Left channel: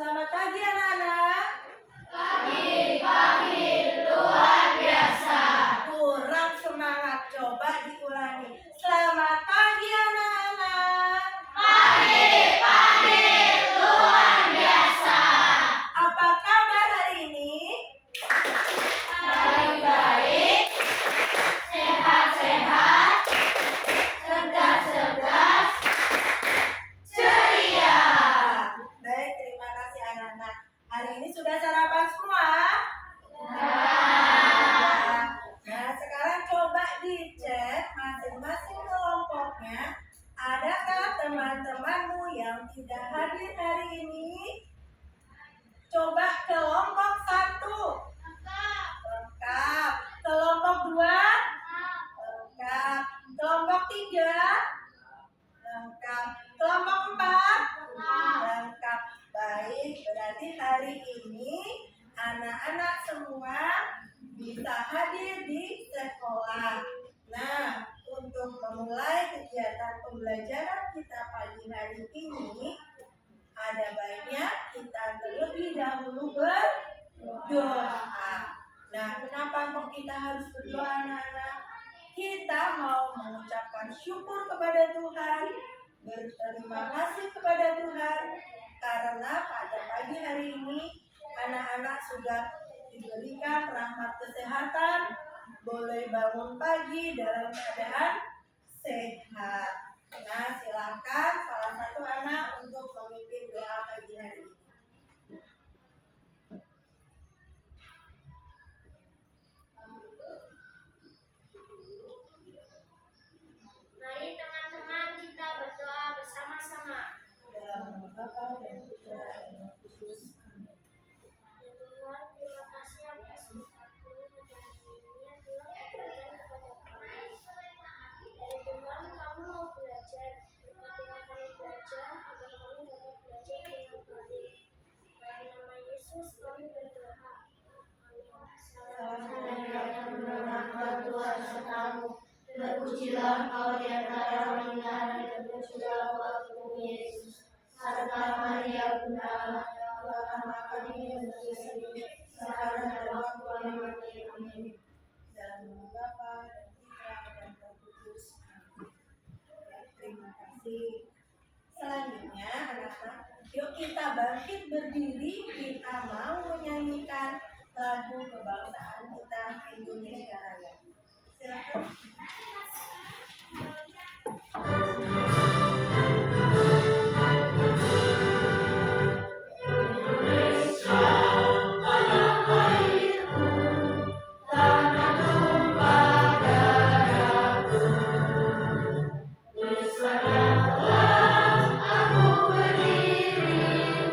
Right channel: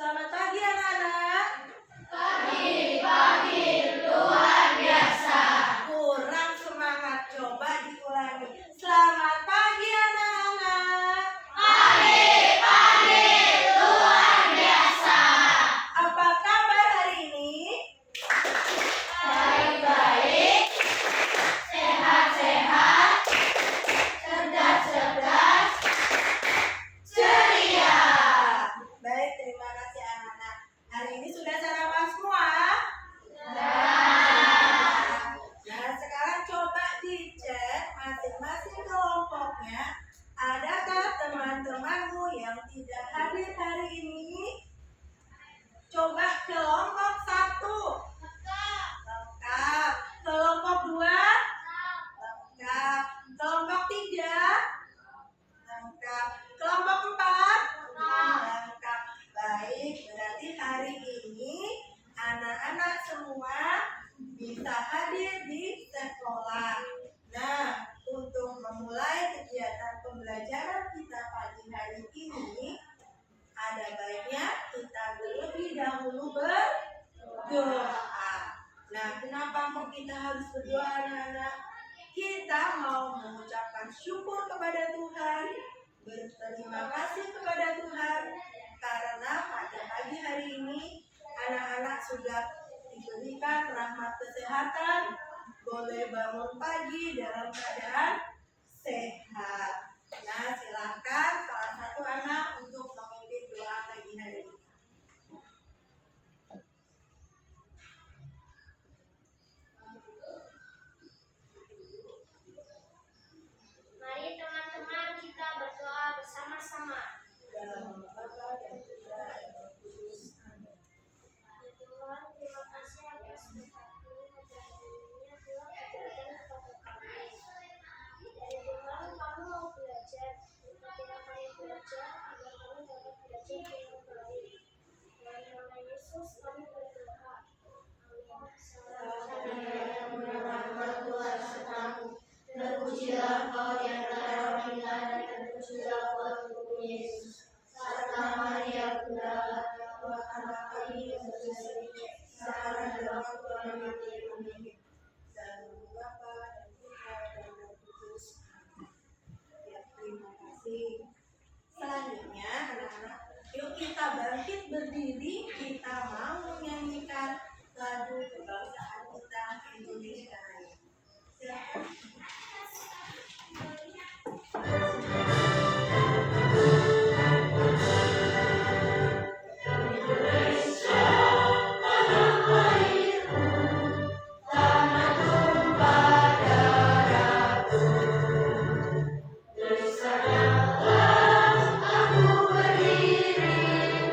Selamat pagi anak-anak. Pagi luar biasa. Kurang semangat, coba diulangi. Selamat pagi anak-anak. Pagi luar biasa. Apa kabar hari ini? Baik-baik, sehat-sehat, cerdas-cerdas, ceria. Baik, terima kasih anak-anak. Hari ini sudah sarapan semua? Nah, sekarang coba dicek masing-masing kelompoknya. Adakah teman-temanmu yang tidak hadir hari ini? Coba kelompok 1. Lengkap. Kelompok 2? Lengkap. Kelompok 3? Lengkap. Kelompok 4? Lengkap. Baik, berarti hari ini anak-anak semua bisa hadir di sekolah. Nah, untuk memulai kegiatan pembelajaran kita pagi hari ini, ada baiknya kita terlebih dahulu berdoa. Nah, kenapa kok kita harus berdoa anak-anak? Kita mau mengucapkan syukur kepada Tuhan, berterima kasih kepada Tuhan, karena pada pagi hari ini anak-anak sudah diberikan rahmat kesehatan, boleh bangun pagi dalam keadaan sehat. Nah, silakan salah satu anak untuk memimpin doa pagi hari ini. Mari teman-teman kita berdoa bersama-sama. Dalam nama Bapa dan Putra dan Roh Kudus. Amin. Ya Tuhan, terima kasih atas berkat-Mu dan hadirinnya Tuhan berikan kepada kami. Dari Tuhan kami mau belajar, berkatilah kami belajar agar kami dapat belajar dengan baik. Dalam nama Yesus kami berdoa. Amin. Salam Tuhan sertamu. Terpujilah Engkau di antara wanita dan terpujilah Engkau Tuhan Yesus. Serta Maria Bunda Allah, doakanlah kami yang berdosa ini, sekarang dan waktu kami mati. Amin. Dalam nama Bapa dan Putra dan Roh Kudus. Amin. Ya, terima kasih. Selanjutnya, anak-anak, yuk kita bangkit berdiri. Kita mau menyanyikan lagu kebangsaan kita Indonesia Raya. Silakan. Bersamalah aku berdiri,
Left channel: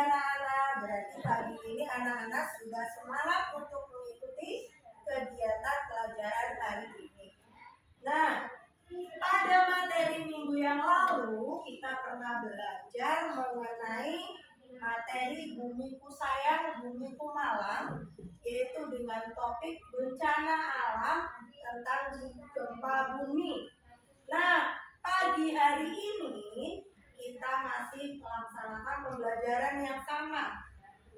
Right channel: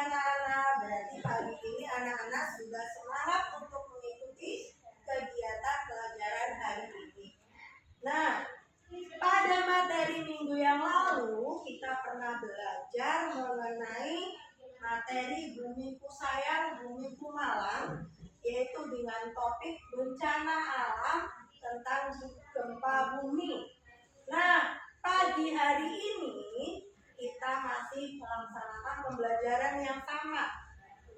anak-anak? Berarti pagi ini anak-anak sudah semangat untuk mengikuti kegiatan pelajaran hari ini. Nah, pada materi minggu yang lalu kita pernah belajar mengenai materi Bumiku Sayang, Bumiku Malang, yaitu dengan topik bencana alam tentang gempa bumi. Nah, pagi hari ini kita masih melaksanakan pembelajaran yang sama.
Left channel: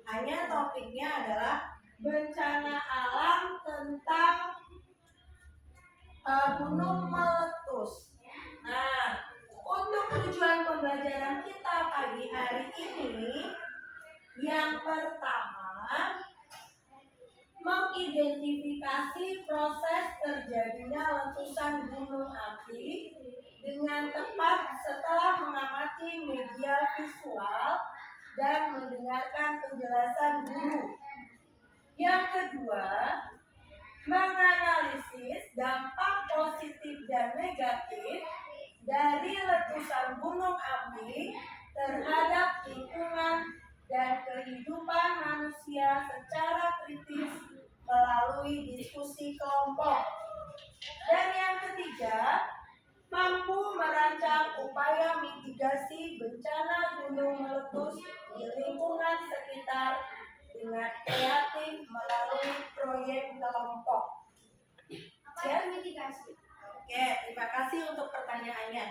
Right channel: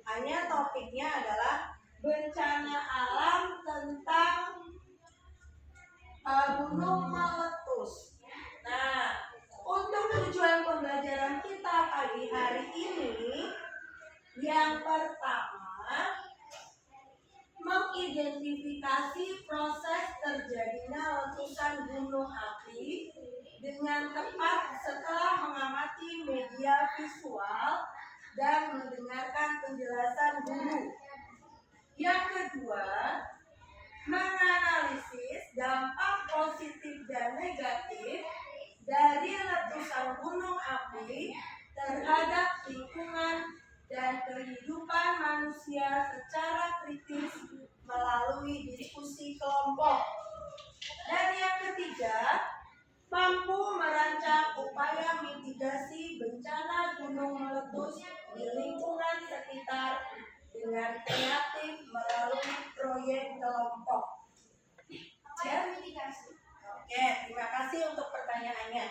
Hanya topiknya adalah bencana alam tentang gunung meletus. Nah, untuk tujuan pembelajaran kita pagi hari ini, yang pertama, mengidentifikasi proses terjadinya letusan gunung api dengan tepat setelah mengamati media visual dan mendengarkan penjelasan guru. Yang kedua, menganalisis dampak positif dan negatif dari letusan gunung api terhadap lingkungan dan kehidupan manusia secara kritis melalui diskusi kelompok. Dan yang ketiga, mampu merancang upaya mitigasi bencana gunung meletus di lingkungan sekitar dengan kreatif melalui proyek kelompok. Mitigasi. Oke, terima kasih untuk pertanyaannya.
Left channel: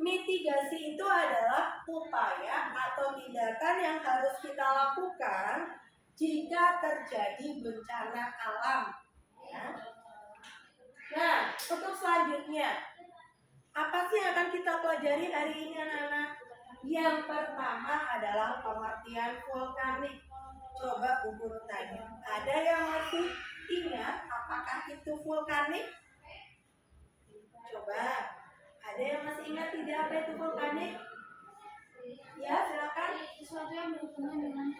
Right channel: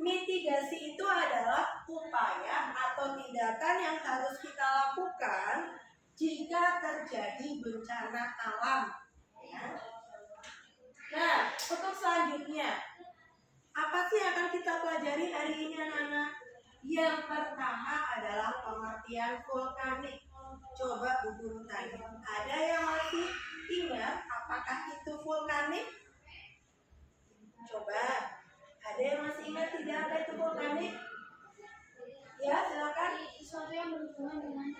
Mitigasi itu adalah upaya atau tindakan yang harus kita lakukan jika terjadi bencana alam. Ya. Nah, untuk selanjutnya, apa sih yang akan kita pelajari hari ini anak-anak? Yang pertama adalah pengertian vulkanik. Coba Bu Guru tanya, ada yang masih ingat apakah itu vulkanik? Coba, ada yang masih ingat tidak apa itu vulkanik? Ya, silakan. Sesuatu yang berhubungan dengan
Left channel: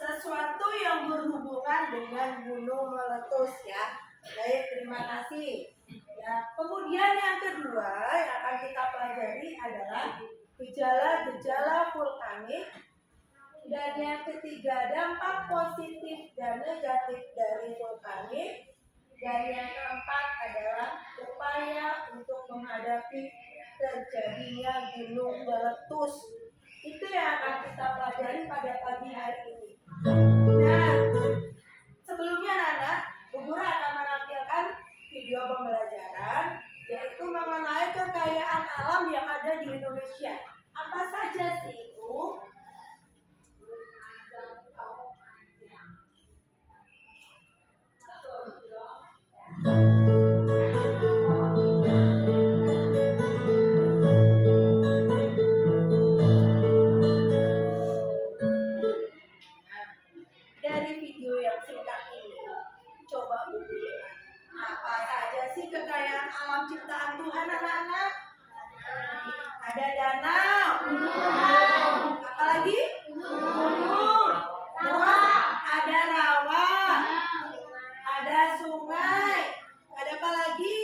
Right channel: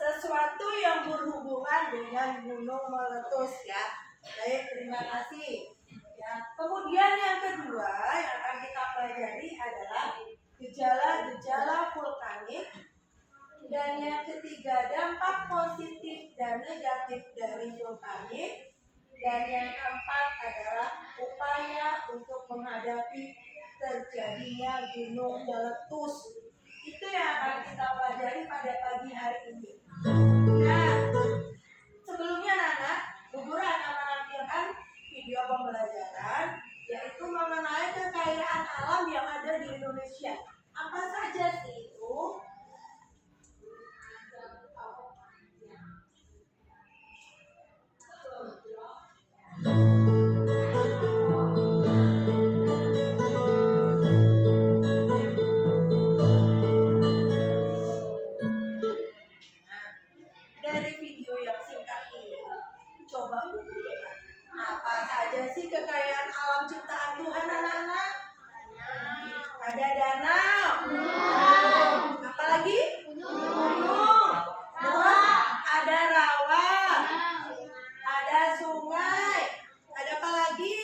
Sesuatu yang berhubungan dengan gunung meletus ya. Baik, terima kasih. Ya, kemudian yang kedua yang akan kita pelajari adalah gejala-gejala vulkanik. Dan yang ketiga, dampak positif dan negatif dari vulkanik. Dan yang keempat adalah upaya untuk menghadapi terjadinya gunung meletus. Itu yang akan kita pelajari pada pagi hari ini. Nah, sebelumnya Nana, Bu Guru akan menampilkan video pembelajaran yaitu mengenai kekayaan alam yang ada di Indonesia. Apa saja sih itu? Dari video yang singkat ini, coba Bu Guru, apa saja sih kekayaan alam ciptaan Tuhan anak-anak? Ada danau. Apalagi? Gunung. Terus ada rawa. Ada sungai. Ada apa lagi?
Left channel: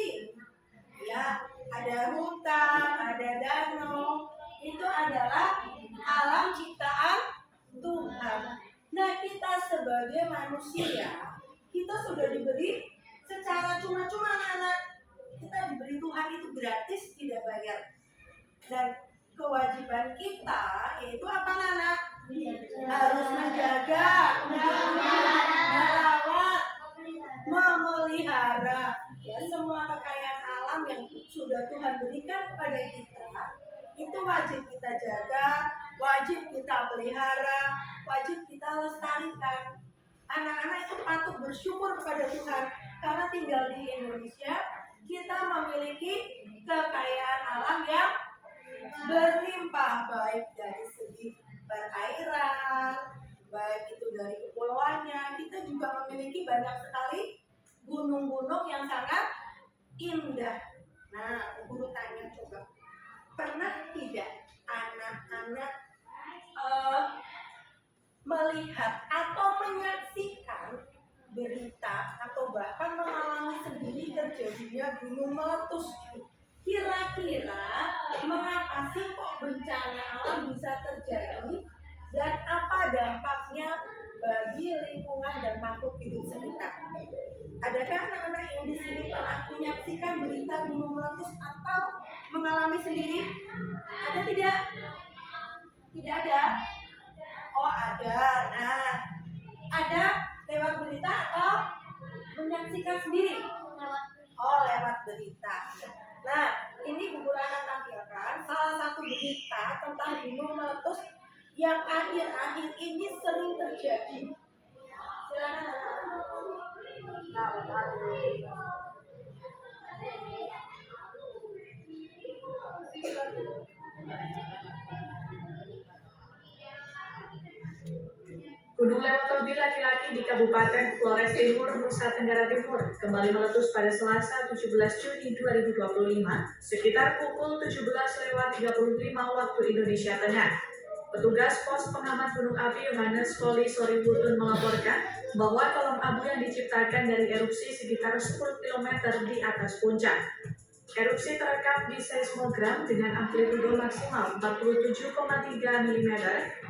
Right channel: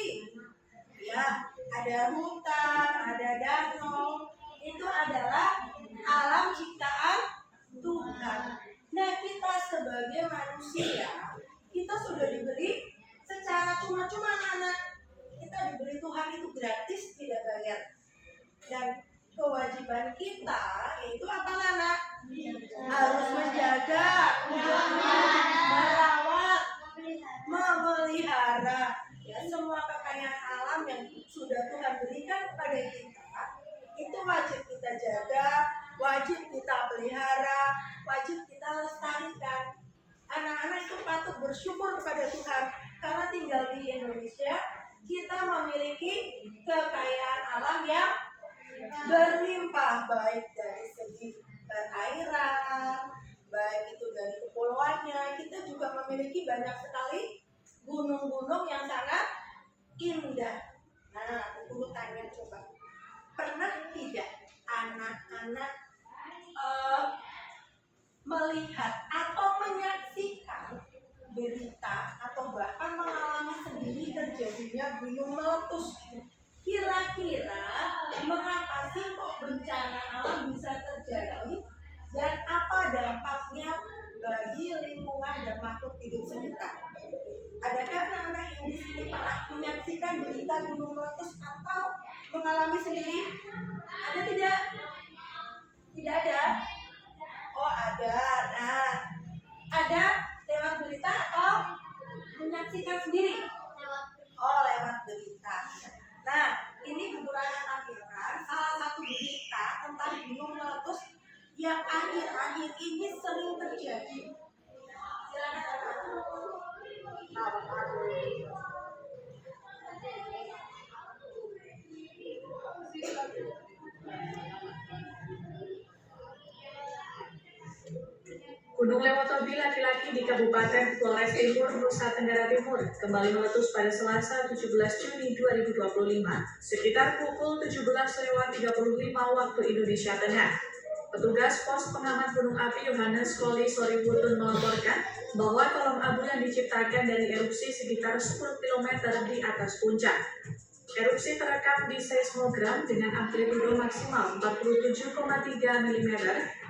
Ya, ada hutan, ada danau. Itu adalah alam ciptaan Tuhan. Nah, kita sebagai manusia, kita sudah diberi secara cuma-cuma anak-anak. Kita diberi Tuhan itu gratis, tidak bayar. Dan kewajiban kita yaitu apa anak? Harus menjaga, merawat, memelihara ya semua kekayaan alam yang sudah Tuhan berikan kepada kita. Itu wajib kita jaga, wajib kita pelihara, wajib kita lestarikan. Anak-anak itu patut bersyukur kepada Tuhan karena tinggal di Indonesia kita memiliki kekayaan alam yang berlimpah, baik dari segi perairan, baik itu dari kepulauannya. Kita juga memiliki banyak sekali gunung-gunung yang sangat indah. Nah, Guru tanya coba, pernah tidak anak-anak melihat atau menyaksikan berita atau bahkan mengalami sendiri terjadinya gunung meletus? Kira-kira mengapa sih kok bencana alam bisa terjadi dan apa dampak Adakah anak-anak yang di sini pernah menyaksikan berita gunung meletus atau mengalami sendiri? Ada tidak? Tidak ada? Oh ada. Nah, ada lewat berita atau menyaksikan sendiri? Oh lewat berita. Nah, ini Bu Rana tampilkan salah satu berita tentang gunung meletus yang akhir-akhir ini sering terjadi. Silakan anak-anak. Gunung Lewotobi laki-laki di Kabupaten Flores Timur, Nusa Tenggara Timur kembali meletus pada Selasa 17 Juni 2025 sekitar pukul 17:35 waktu Indonesia Tengah. Petugas pos pengamat gunung api Yohanes Koli Soriwutun melaporkan bahwa kolom abu yang diciptakan dari erupsi sekitar 10 km di atas puncak. Erupsi terekam di seismogram dengan amplitudo maksimal 47,3 mm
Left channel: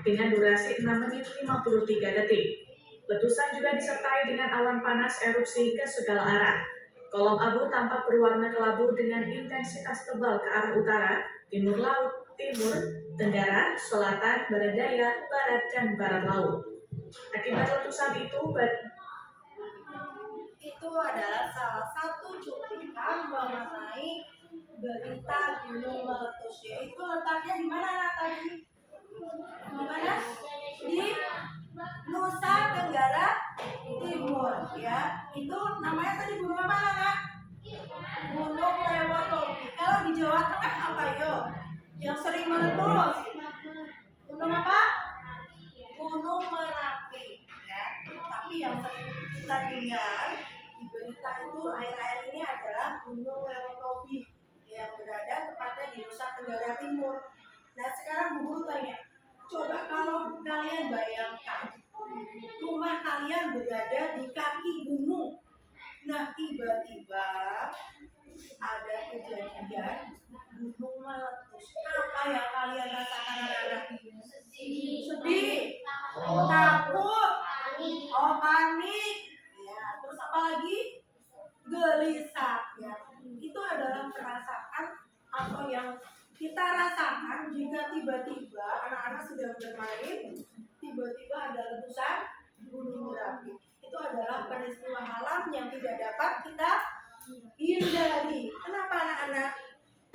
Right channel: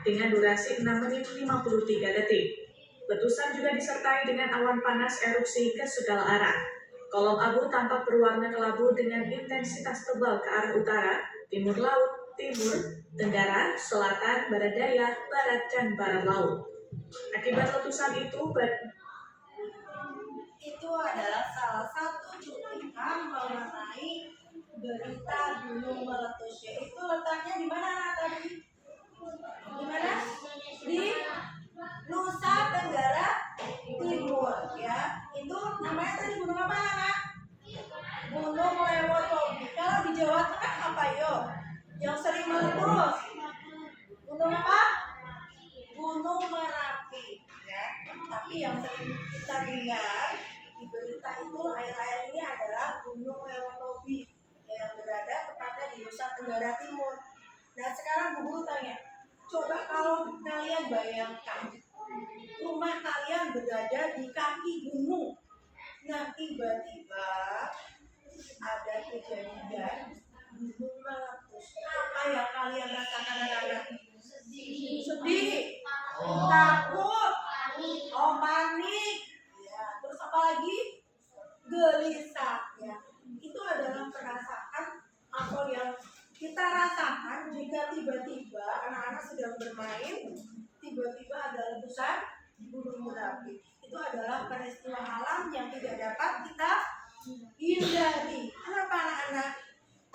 dengan durasi 6 menit 53 detik. Letusan juga disertai dengan awan panas erupsi ke segala arah. Kolom abu tampak berwarna kelabu dengan intensitas tebal ke arah utara, timur laut, timur, tenggara, selatan, barat daya, barat, dan barat laut. Akibat letusan itu adalah salah satu cuplikan mengenai berita gunung meletus, yaitu letaknya di mana anak tadi? Di mana? Di Nusa Tenggara Timur, ya. Itu namanya tadi gunung apa anak? Gunung Lewotobi. Kalau di Jawa Tengah apa yo? Yang sering meletus? Gunung apa? Gunung Merapi, ya. Tapi yang sering kita dengar di berita itu akhir-akhir ini adalah Gunung Lewotobi yang berada tepatnya di Nusa Tenggara Timur. Nah sekarang Bu Guru tanya, coba kalau kalian bayangkan rumah kalian berada di kaki gunung, nah tiba-tiba ada kejadian gunung meletus, apa yang kalian rasakan anak-anak? Sedih, takut, panik, ya. Terus apa lagi? Gelisah, ya. Itu adalah perasaan atau yang kita rasakan jika tiba-tiba anak-anak sedang bermain, tiba-tiba ada letusan gunung berapi. Itu adalah peristiwa alam yang tidak dapat kita hindari. Kenapa anak-anak?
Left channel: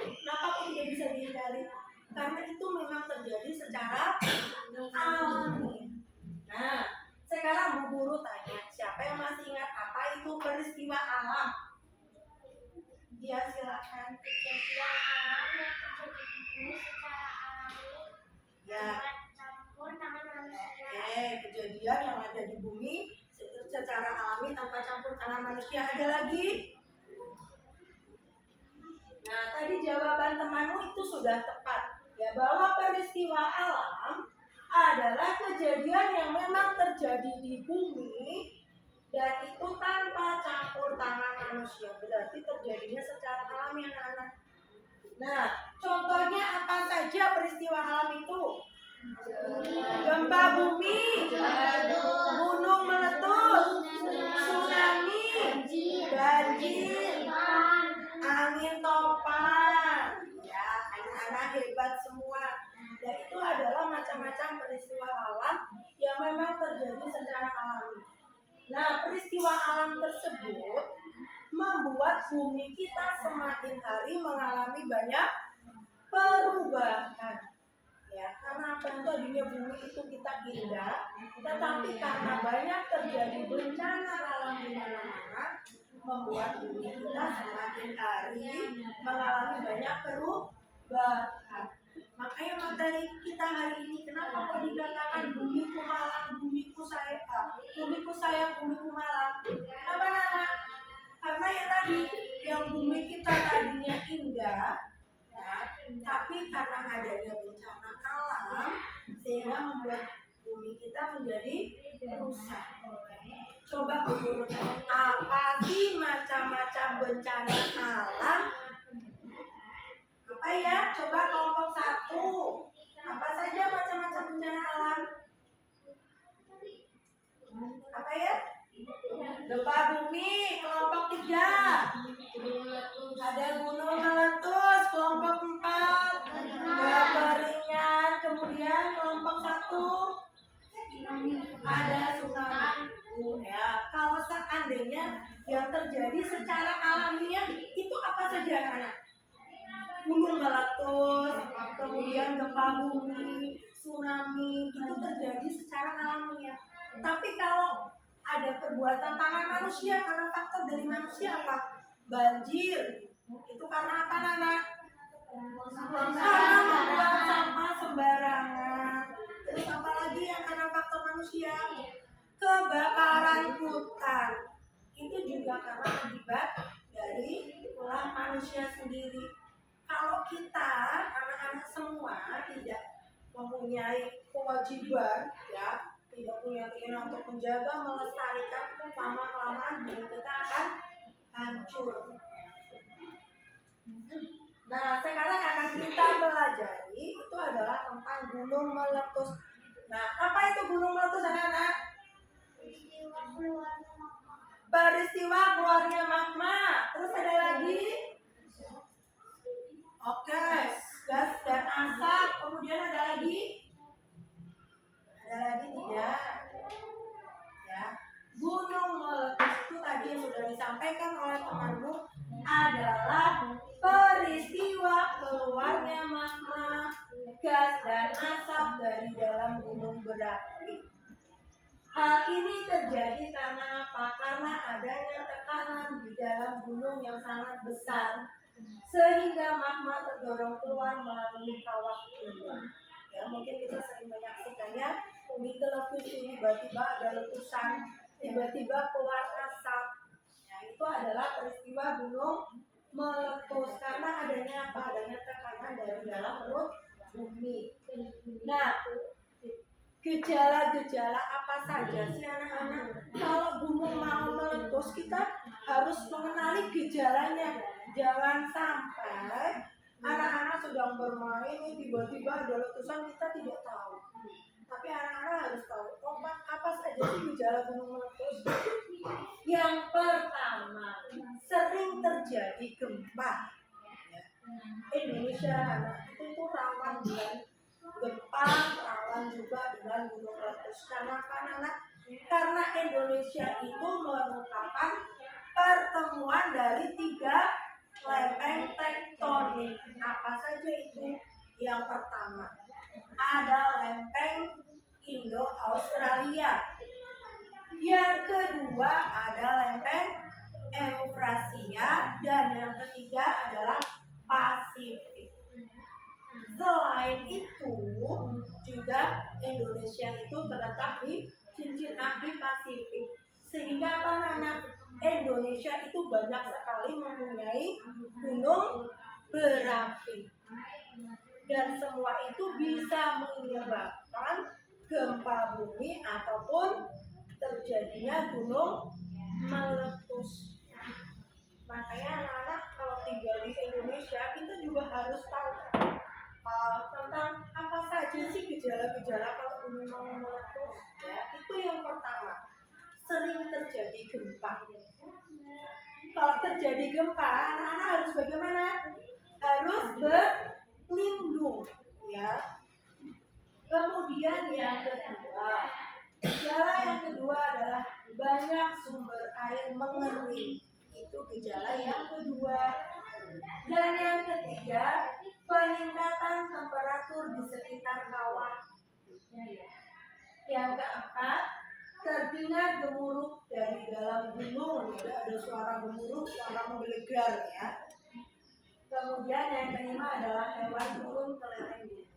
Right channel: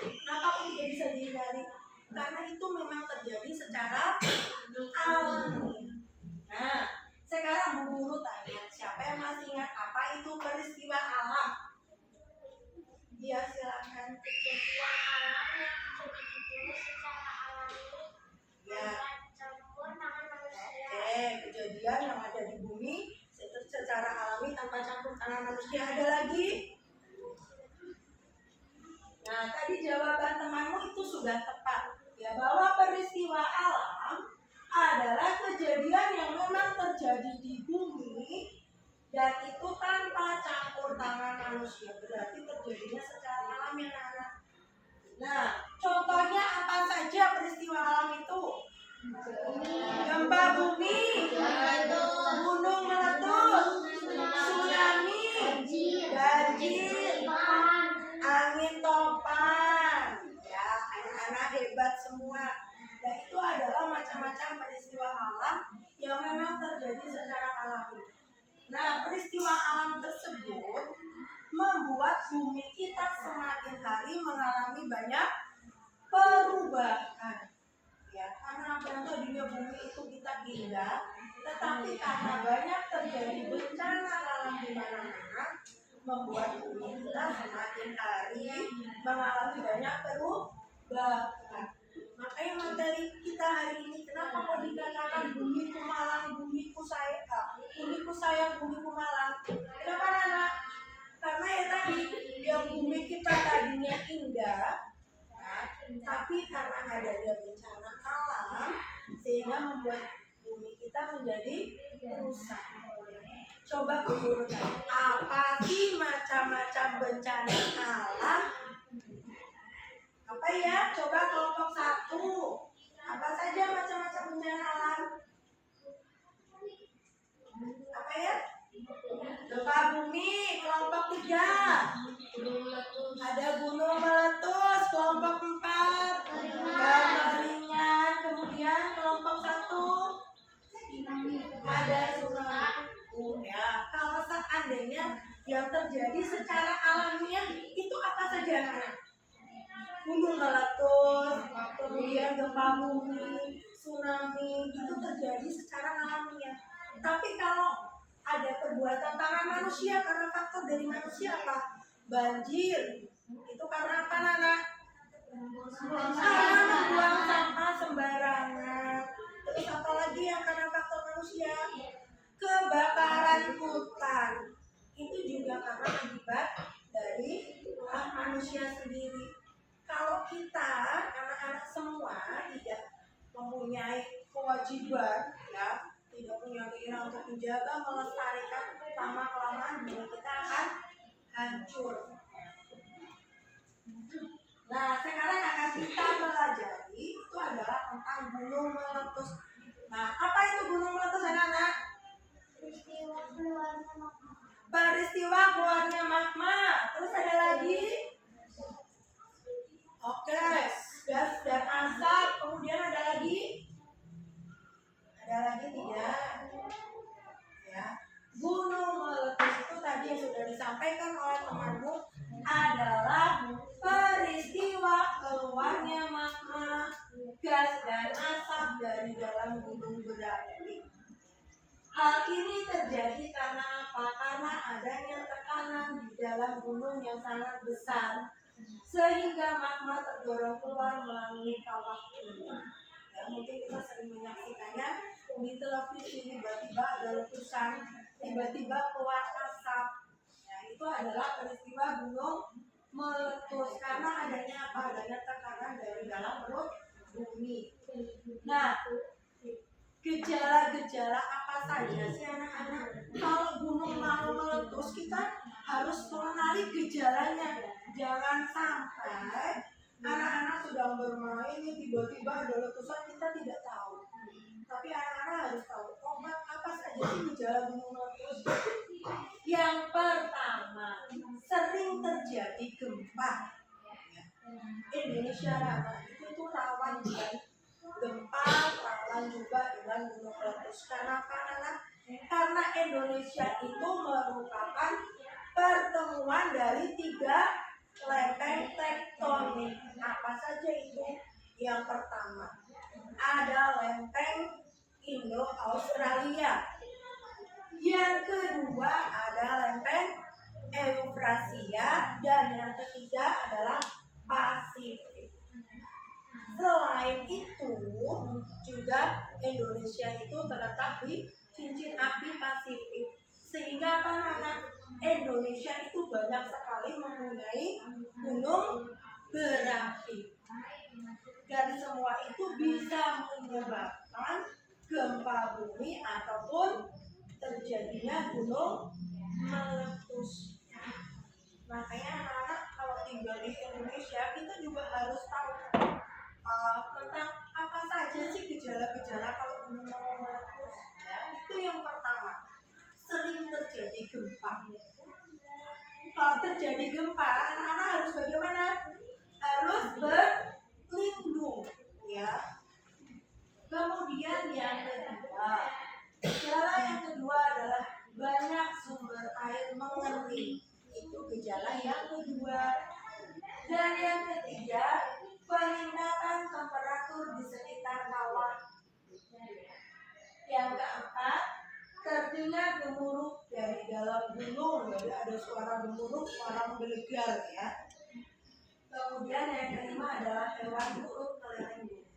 Kenapa kok tidak bisa dihindari? Karena itu memang terjadi secara alami. Nah, sekarang Bu Guru tanya, siapa yang masih ingat apa itu peristiwa alam? Ya silakan. Kejadian alam yang terjadi di bumi secara alami Ya. campur tangan manusia. Oke, kejadian yang ada di bumi secara alami tanpa campur tangan manusia. Ada lagi? Nah, tadi jawaban temanmu itu sudah tepat. Ya, bahwa peristiwa alam adalah kejadian yang memang terjadi di bumi dan itu tanpa campur tangan manusia. Berarti terjadinya secara alami anak-anak. Nah, contohnya apa saja peristiwa alam itu? Gempa bumi, gunung meletus, tsunami, banjir, angin topan. Ya, anak-anak hebat semua. Dan itu adalah macam-macam peristiwa alam yang memang terjadi secara alami. Nah, peristiwa alam tersebut membuat bumi kita semakin hari mengalami banyak perubahan. Ya, karena apa yang tadinya bumi itu kita indah, tetapi karena banyak terjadi bencana alam di mana-mana, membuat bumi kita semakin hari mengalami banyak perubahan. Makanya materi kita hari ini, kenapa kok dikatakan bumiku malang, bumiku sayang, bumiku malang? Kenapa Nana? Karena ya tadi, yang bumi kita tadinya indah, ya, tapi karena adanya bencana alam, sehingga membuat bumi kita menjadi rusak. Coba guru tanya, apa sih macam-macam bencana alam? Apa ya? Coba kelompok 1. Apa saja macam-macam bencana alam? Apa ya? Gempa bumi. tsunami kelompok 3. Gunung meletus. Ada gunung meletus kelompok 4. Gambar ringan. Kemudian kelompok 1 ada tsunami. Ya, kalau seandainya yang terjadi secara alamiah itu apa saja anak-anak? Gunung meletus, kemudian gempa bumi, tsunami itu terjadi secara alamiah. Tapi kalau ada perbuatan tangan manusia karena faktor dari manusia apa? Banjir. Itu karena apa, Nana? Karena membuang sampah sembarangan. Terus apa lagi yang karena faktor manusia? Kebakaran hutan. Itu juga karena akibat dari ulah manusia sendiri. Kalau kita anak-anak semua tidak mempunyai kewajiban, ya, tidak punya keinginan untuk menjaga, melestarikan, lama-kelamaan bumi kita akan hancur. Nah, sekarang akan kita pelajari itu adalah tentang gunung meletus. Nah, apa itu gunung meletus, anak-anak? Peristiwa keluarnya magma. Terus ada lagi? Oke, gas dan asap. Kemudian ada lagi? Ada lagi tidak? Ya, gunung meletus itu tadi yang sudah disampaikan oleh temanmu adalah peristiwa keluarnya magma, gas dan asap dari dalam gunung berapi. Hal ini terjadi karena apa? Karena adanya tekanan di dalam gunung yang sangat besar, sehingga magma terdorong keluar melalui kawah gunung. Ya, mungkin kita sering menyaksikannya di televisi, tiba-tiba ada letusan, tiba-tiba keluar asap. Ya, itu adalah peristiwa gunung meletus karena adanya apa? Adanya tekanan dari dalam perut bumi. Nah, gejala-gejala apa saja sih anak-anak? Kalau gunung mau meletus, kita harus mengenali gejalanya. Jangan sampai anak-anak sedang bermain nih, tiba-tiba ada letusan, kita tidak tahu. Tapi anak-anak harus tahu apa saja sih gejala gunung meletus. Yang pertama, sering terjadi gempa. Indonesia anak itu rawan dengan gempa, rawan juga dengan gunung meletus. Karena Indonesia itu merupakan pertemuan dari 3 lempeng tektonik. Apa saja itu? Yang pertama ada lempeng Indo-Australia. Yang kedua ada lempeng Eufrasia, dan yang ketiga adalah Pasifik. Selain itu juga Indonesia itu terletak di cincin api Pasifik, sehingga Indonesia itu banyak sekali mempunyai gunung berapi, dan semua itu bisa menyebabkan gempa bumi ataupun terjadinya gunung meletus. Makanya anak-anak kalau tinggal di Indonesia kita juga harus tahu tentang apa saja sih gejala-gejala kalau gunung mau meletus. Ya, itu yang pertama, sering terjadi gempa. Kalau terjadi gempa, anak-anak harus bagaimana? Harus berlindung, ya. Kemudian yang kedua, gejala yang kedua adalah banyak sumber air mengering. Itu gejala yang kedua. Dan yang ketiga, peningkatan temperatur di sekitar kawah. Yang keempat, terdengar gemuruh dari dalam gunung. Jadi ada suara gemuruh, suara menggelegar, ya. Kemudian yang kelima adalah hewan turun ke lereng gunung.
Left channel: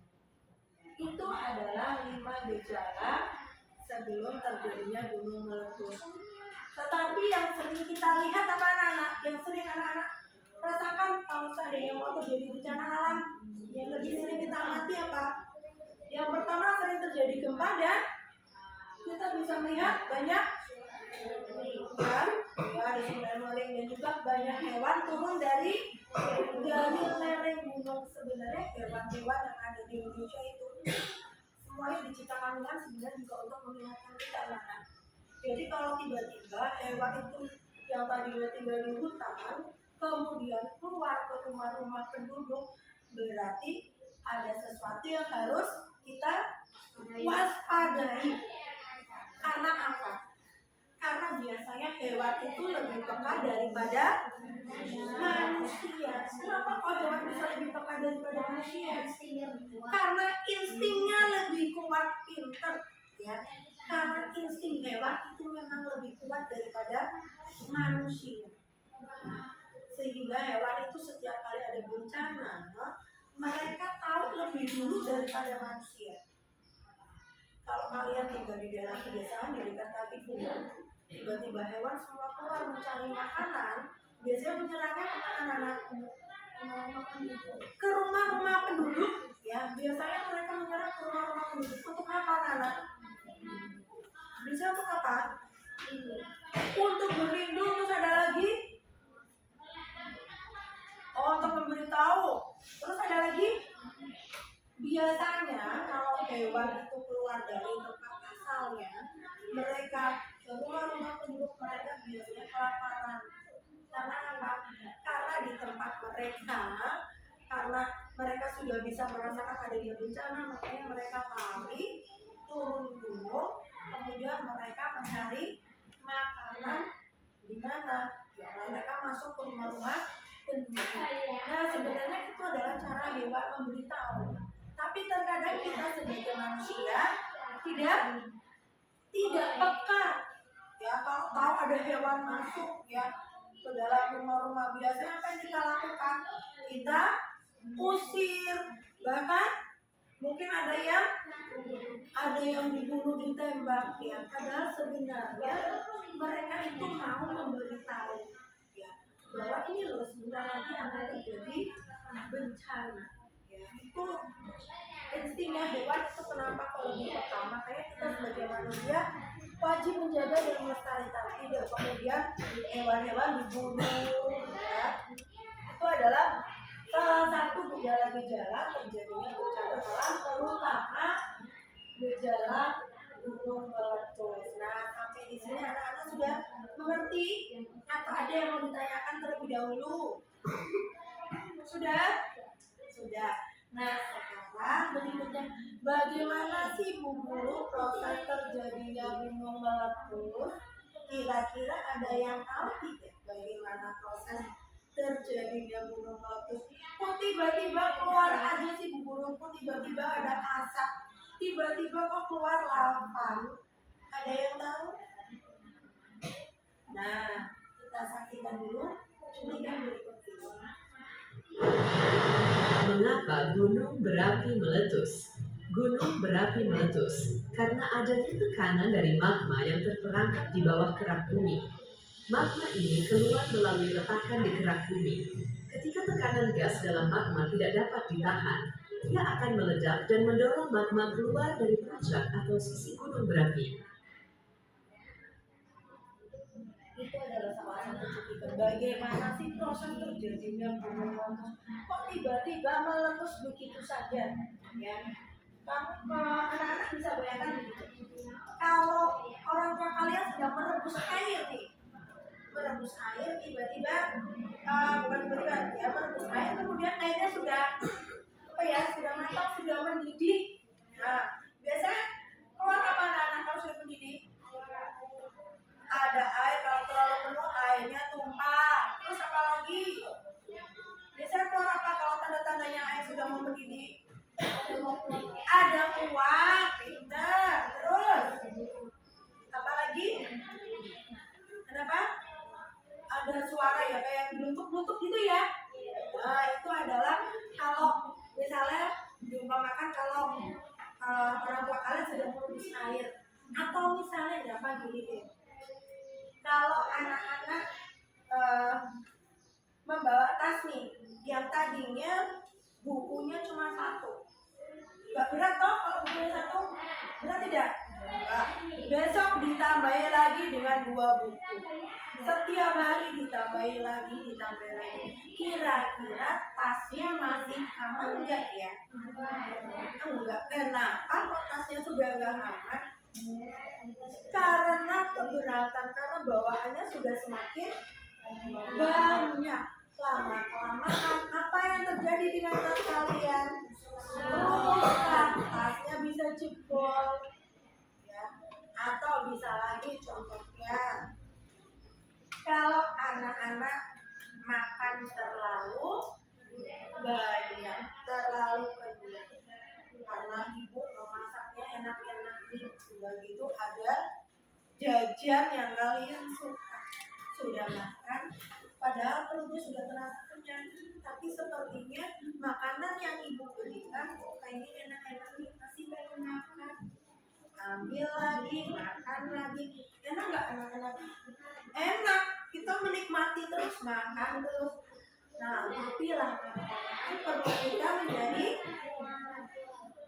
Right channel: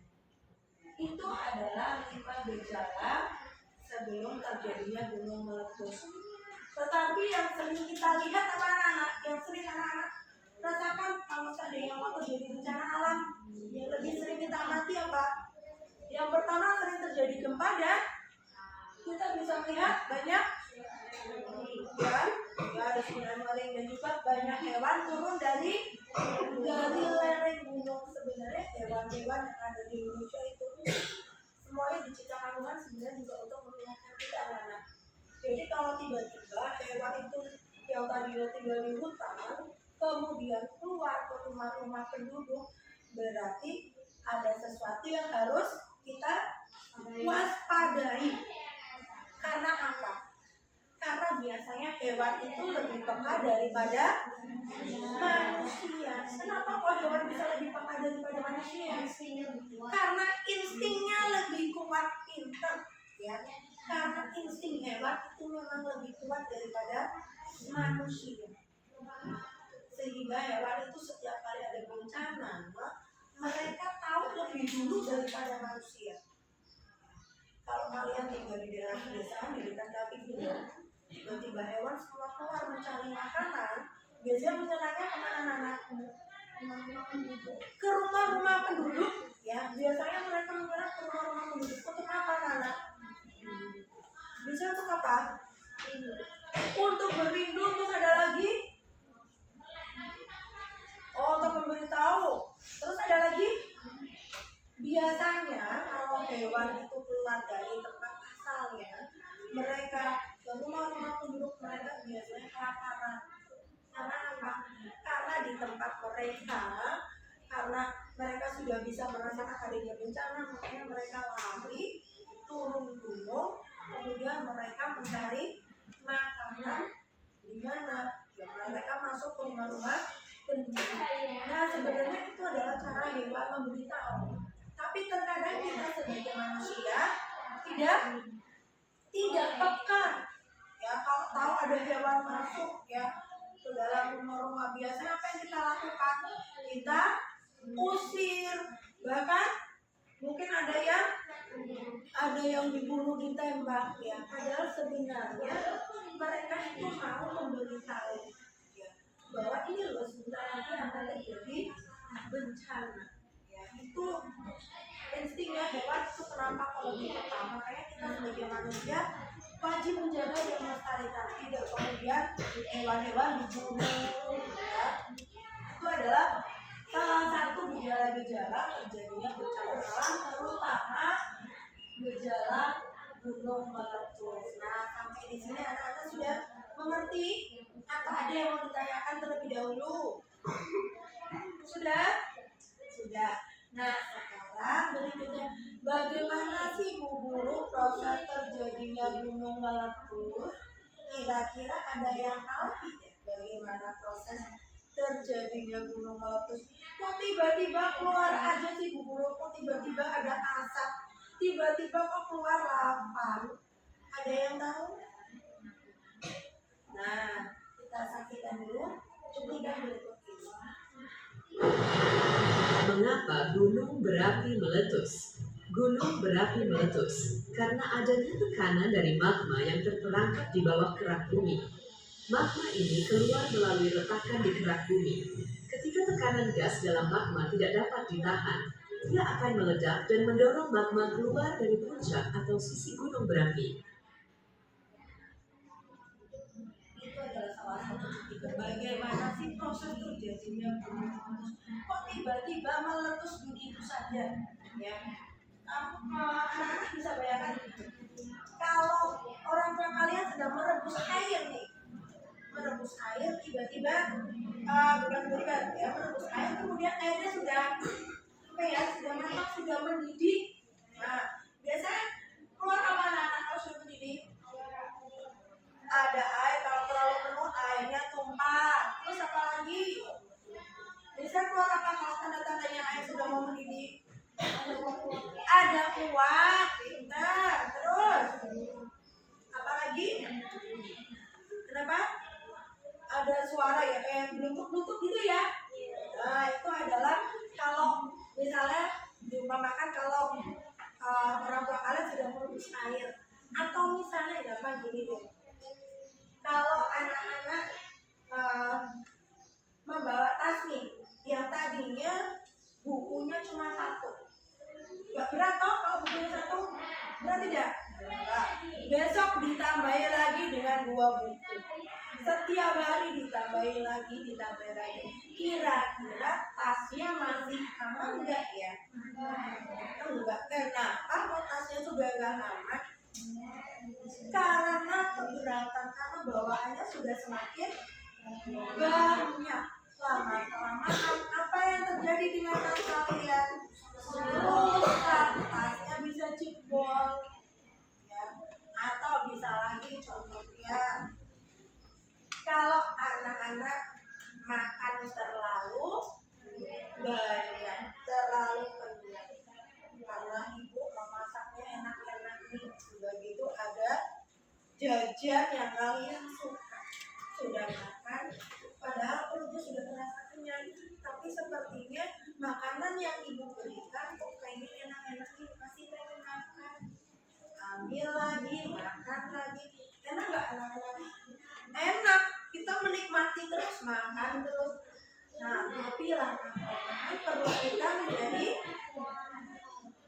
Itu adalah 5 gejala sebelum terjadinya gunung meletus. Tetapi yang sering kita lihat apa anak-anak? Yang sering anak-anak rasakan kalau seandainya mau terjadi bencana alam, yang lebih sering kita amati apa? Yang pertama, sering terjadi gempa, dan kita bisa melihat banyak dan ada sungai mengering, dan juga banyak hewan turun dari lereng gunung. Sebenarnya hewan-hewan yang ada di Indonesia itu semuanya diciptakan Tuhan sebenarnya juga untuk mengingatkan kita anak. Jadi kalau tiba-tiba hewan itu yang tadinya tinggal di hutan, kemudian keluar ke rumah-rumah penduduk, berarti ada sesuatu yang harus kita waspadai. Karena apa? Karena biasanya hewan itu lebih peka daripada manusia. Kenapa kok hewan bisa lebih peka daripada manusia? Karena instingnya lebih kuat, pinter, ya. Karena insting hewan itu memang lebih kuat daripada manusia. Sehingga hewan itu setiap kali ada bencana, mereka tahu lebih dulu daripada manusia. Kalau kalian tinggal di daerah pedesaan di dekat kaki gunung, tiba-tiba hewan semua keluar mencari makanan, biasanya bencananya kemana anak? Ke rumah-rumah penduduk, ya. Biasanya mereka menyerang ke rumah-rumah penduduk untuk apa, anak? Bisa untuk apa? Untuk berlindung. Terus ada lagi? Oh, untuk memberitahu. Terus ada lagi? Biasanya kalau hewan itu keluar dari tempat asalnya, mereka ke rumah-rumah penduduk, mereka biasanya kelaparan. Karena apa? Karena di tempat mereka, karena mereka sudah bisa merasakan adanya bencana, makanya mereka lari turun gunung, kemudian mereka mencari makanan di mana? Ya, mereka masuk ke rumah-rumah penduduk. Nah, sebenarnya itu adalah cara hewan memberitahu. Tapi terkadang kita sebagai manusia tidak peka. Ya, kalau tahu ada hewan masuk, ya, ke dalam rumah-rumah, biasanya apa yang kita lakukan? Kita usir, bahkan mungkin ada yang dibunuh, ditembak, ya. Padahal sebenarnya mereka itu mau memberitahu, ya, bahwa ini loh sebentar lagi akan terjadi bencana, ya. Itu instingnya hewan itu kenapa kalau lebih peka. Makanya kita sebagai manusia wajib menjaga dan melestarikan, tidak kemudian hewan-hewan dibunuh, ya. Itu adalah salah satu gejala-gejala terjadinya bencana alam, terutama gejala gunung meletus. Nah, sampai di sini anak-anak sudah mengerti atau ada yang mau ditanyakan terlebih dahulu? Sudah? Nah, sekarang berikutnya, bagaimana sih Bu Guru proses terjadinya gunung meletus? Kira-kira ada yang tahu tidak bagaimana proses terjadinya gunung meletus? Kok tiba-tiba keluar aja sih Bu Guru? Kok tiba-tiba ada asap? Tiba-tiba kok keluar lava? Ada yang tahu? Nah, kita saksikan dulu cuplikan berikut ini. Mengapa gunung berapi meletus? Gunung berapi meletus karena adanya tekanan dari magma yang terperangkap di bawah kerak bumi. Magma ini keluar melalui retakan di kerak bumi. Ketika tekanan gas dalam magma tidak dapat ditahan, ia akan meledak dan mendorong magma keluar dari puncak atau sisi gunung berapi. Itu adalah salah satu cuplikan bagaimana sih proses terjadinya gunung meletus. Kok tiba-tiba meletus begitu saja, ya? Kamu anak-anak bisa bayangkan begitu. Kalau orang tua kalian sedang merebus air nih, tiba-tiba merebus air, kemudian airnya sudah matang, sudah mendidih. Nah, biasanya keluar apa anak-anak kalau sudah mendidih? Ada air, kalau terlalu penuh airnya tumpah. Terus apa lagi? Biasanya keluar apa kalau tanda-tandanya air sudah mau mendidih? Ada uap, pintar. Terus apa lagi? Kenapa? Ada suara ya, kayak blutuk-blutuk gitu ya. Nah, itu adalah kalau misalnya diumpamakan kalau orang tua kalian sedang merebus air, atau misalnya gampang gini deh, kalau anak-anak membawa tas nih yang tadinya bukunya cuma satu, gak berat toh kalau bukunya satu? Berat tidak? Nah, besok ditambahi lagi dengan 2 buku, setiap hari ditambahi lagi. Kira-kira tasnya masih aman enggak ya? Enggak. Kenapa kok tasnya sudah enggak aman? Karena keberatan karena bawaannya sudah semakin banyak. Lama-kelamaan apa yang terjadi dengan tas kalian? Rusak, tasnya bisa jebol, ya. Atau bisa lagi contohnya, kalau anak-anak makan terlalu banyak, terlalu kenyang, karena ibu memasaknya enak-enak nih, begitu ada jajan yang kalian suka, sudah makan, padahal perutnya sudah terasa kenyang, tapi sepertinya makanan yang ibu berikan kok kayaknya enak-enak nih, masih pengen makan. Ambil lagi, makan lagi. Enak nggak anak-anak? Enak. Kita menikmati terus, makan terus. Nah, tapi lama-kelamaan perut kita menjadi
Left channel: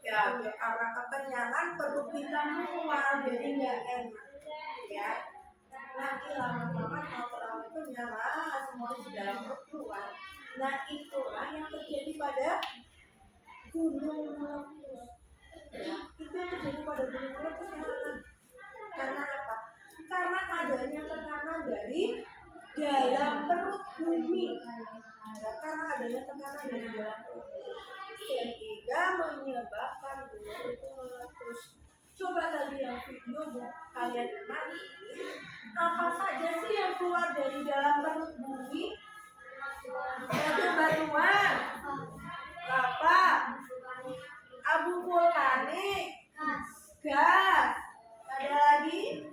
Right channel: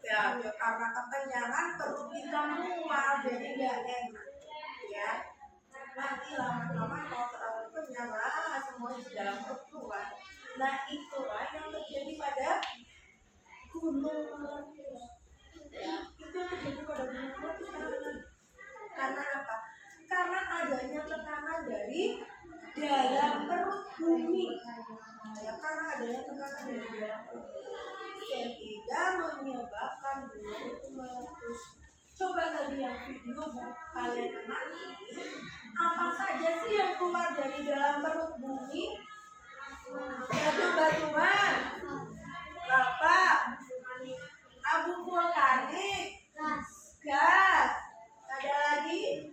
ya karena kekenyangan perut kita mual, jadi nggak enak. Ya. Nanti lama-lama kalau terlalu kenyang, semua di dalam perut keluar. Nah, itulah yang terjadi pada gunung meletus. Ya, itu yang terjadi pada gunung meletus karena apa? Karena adanya tekanan dari dalam perut bumi. Ya, karena adanya tekanan dari dalam perut bumi, sehingga menyebabkan gunung itu meletus. Coba tadi yang video kalian amati, apa saja sih yang keluar dari dalam perut bumi? Batu-batuan, lava, abu vulkanik, gas, ada lagi?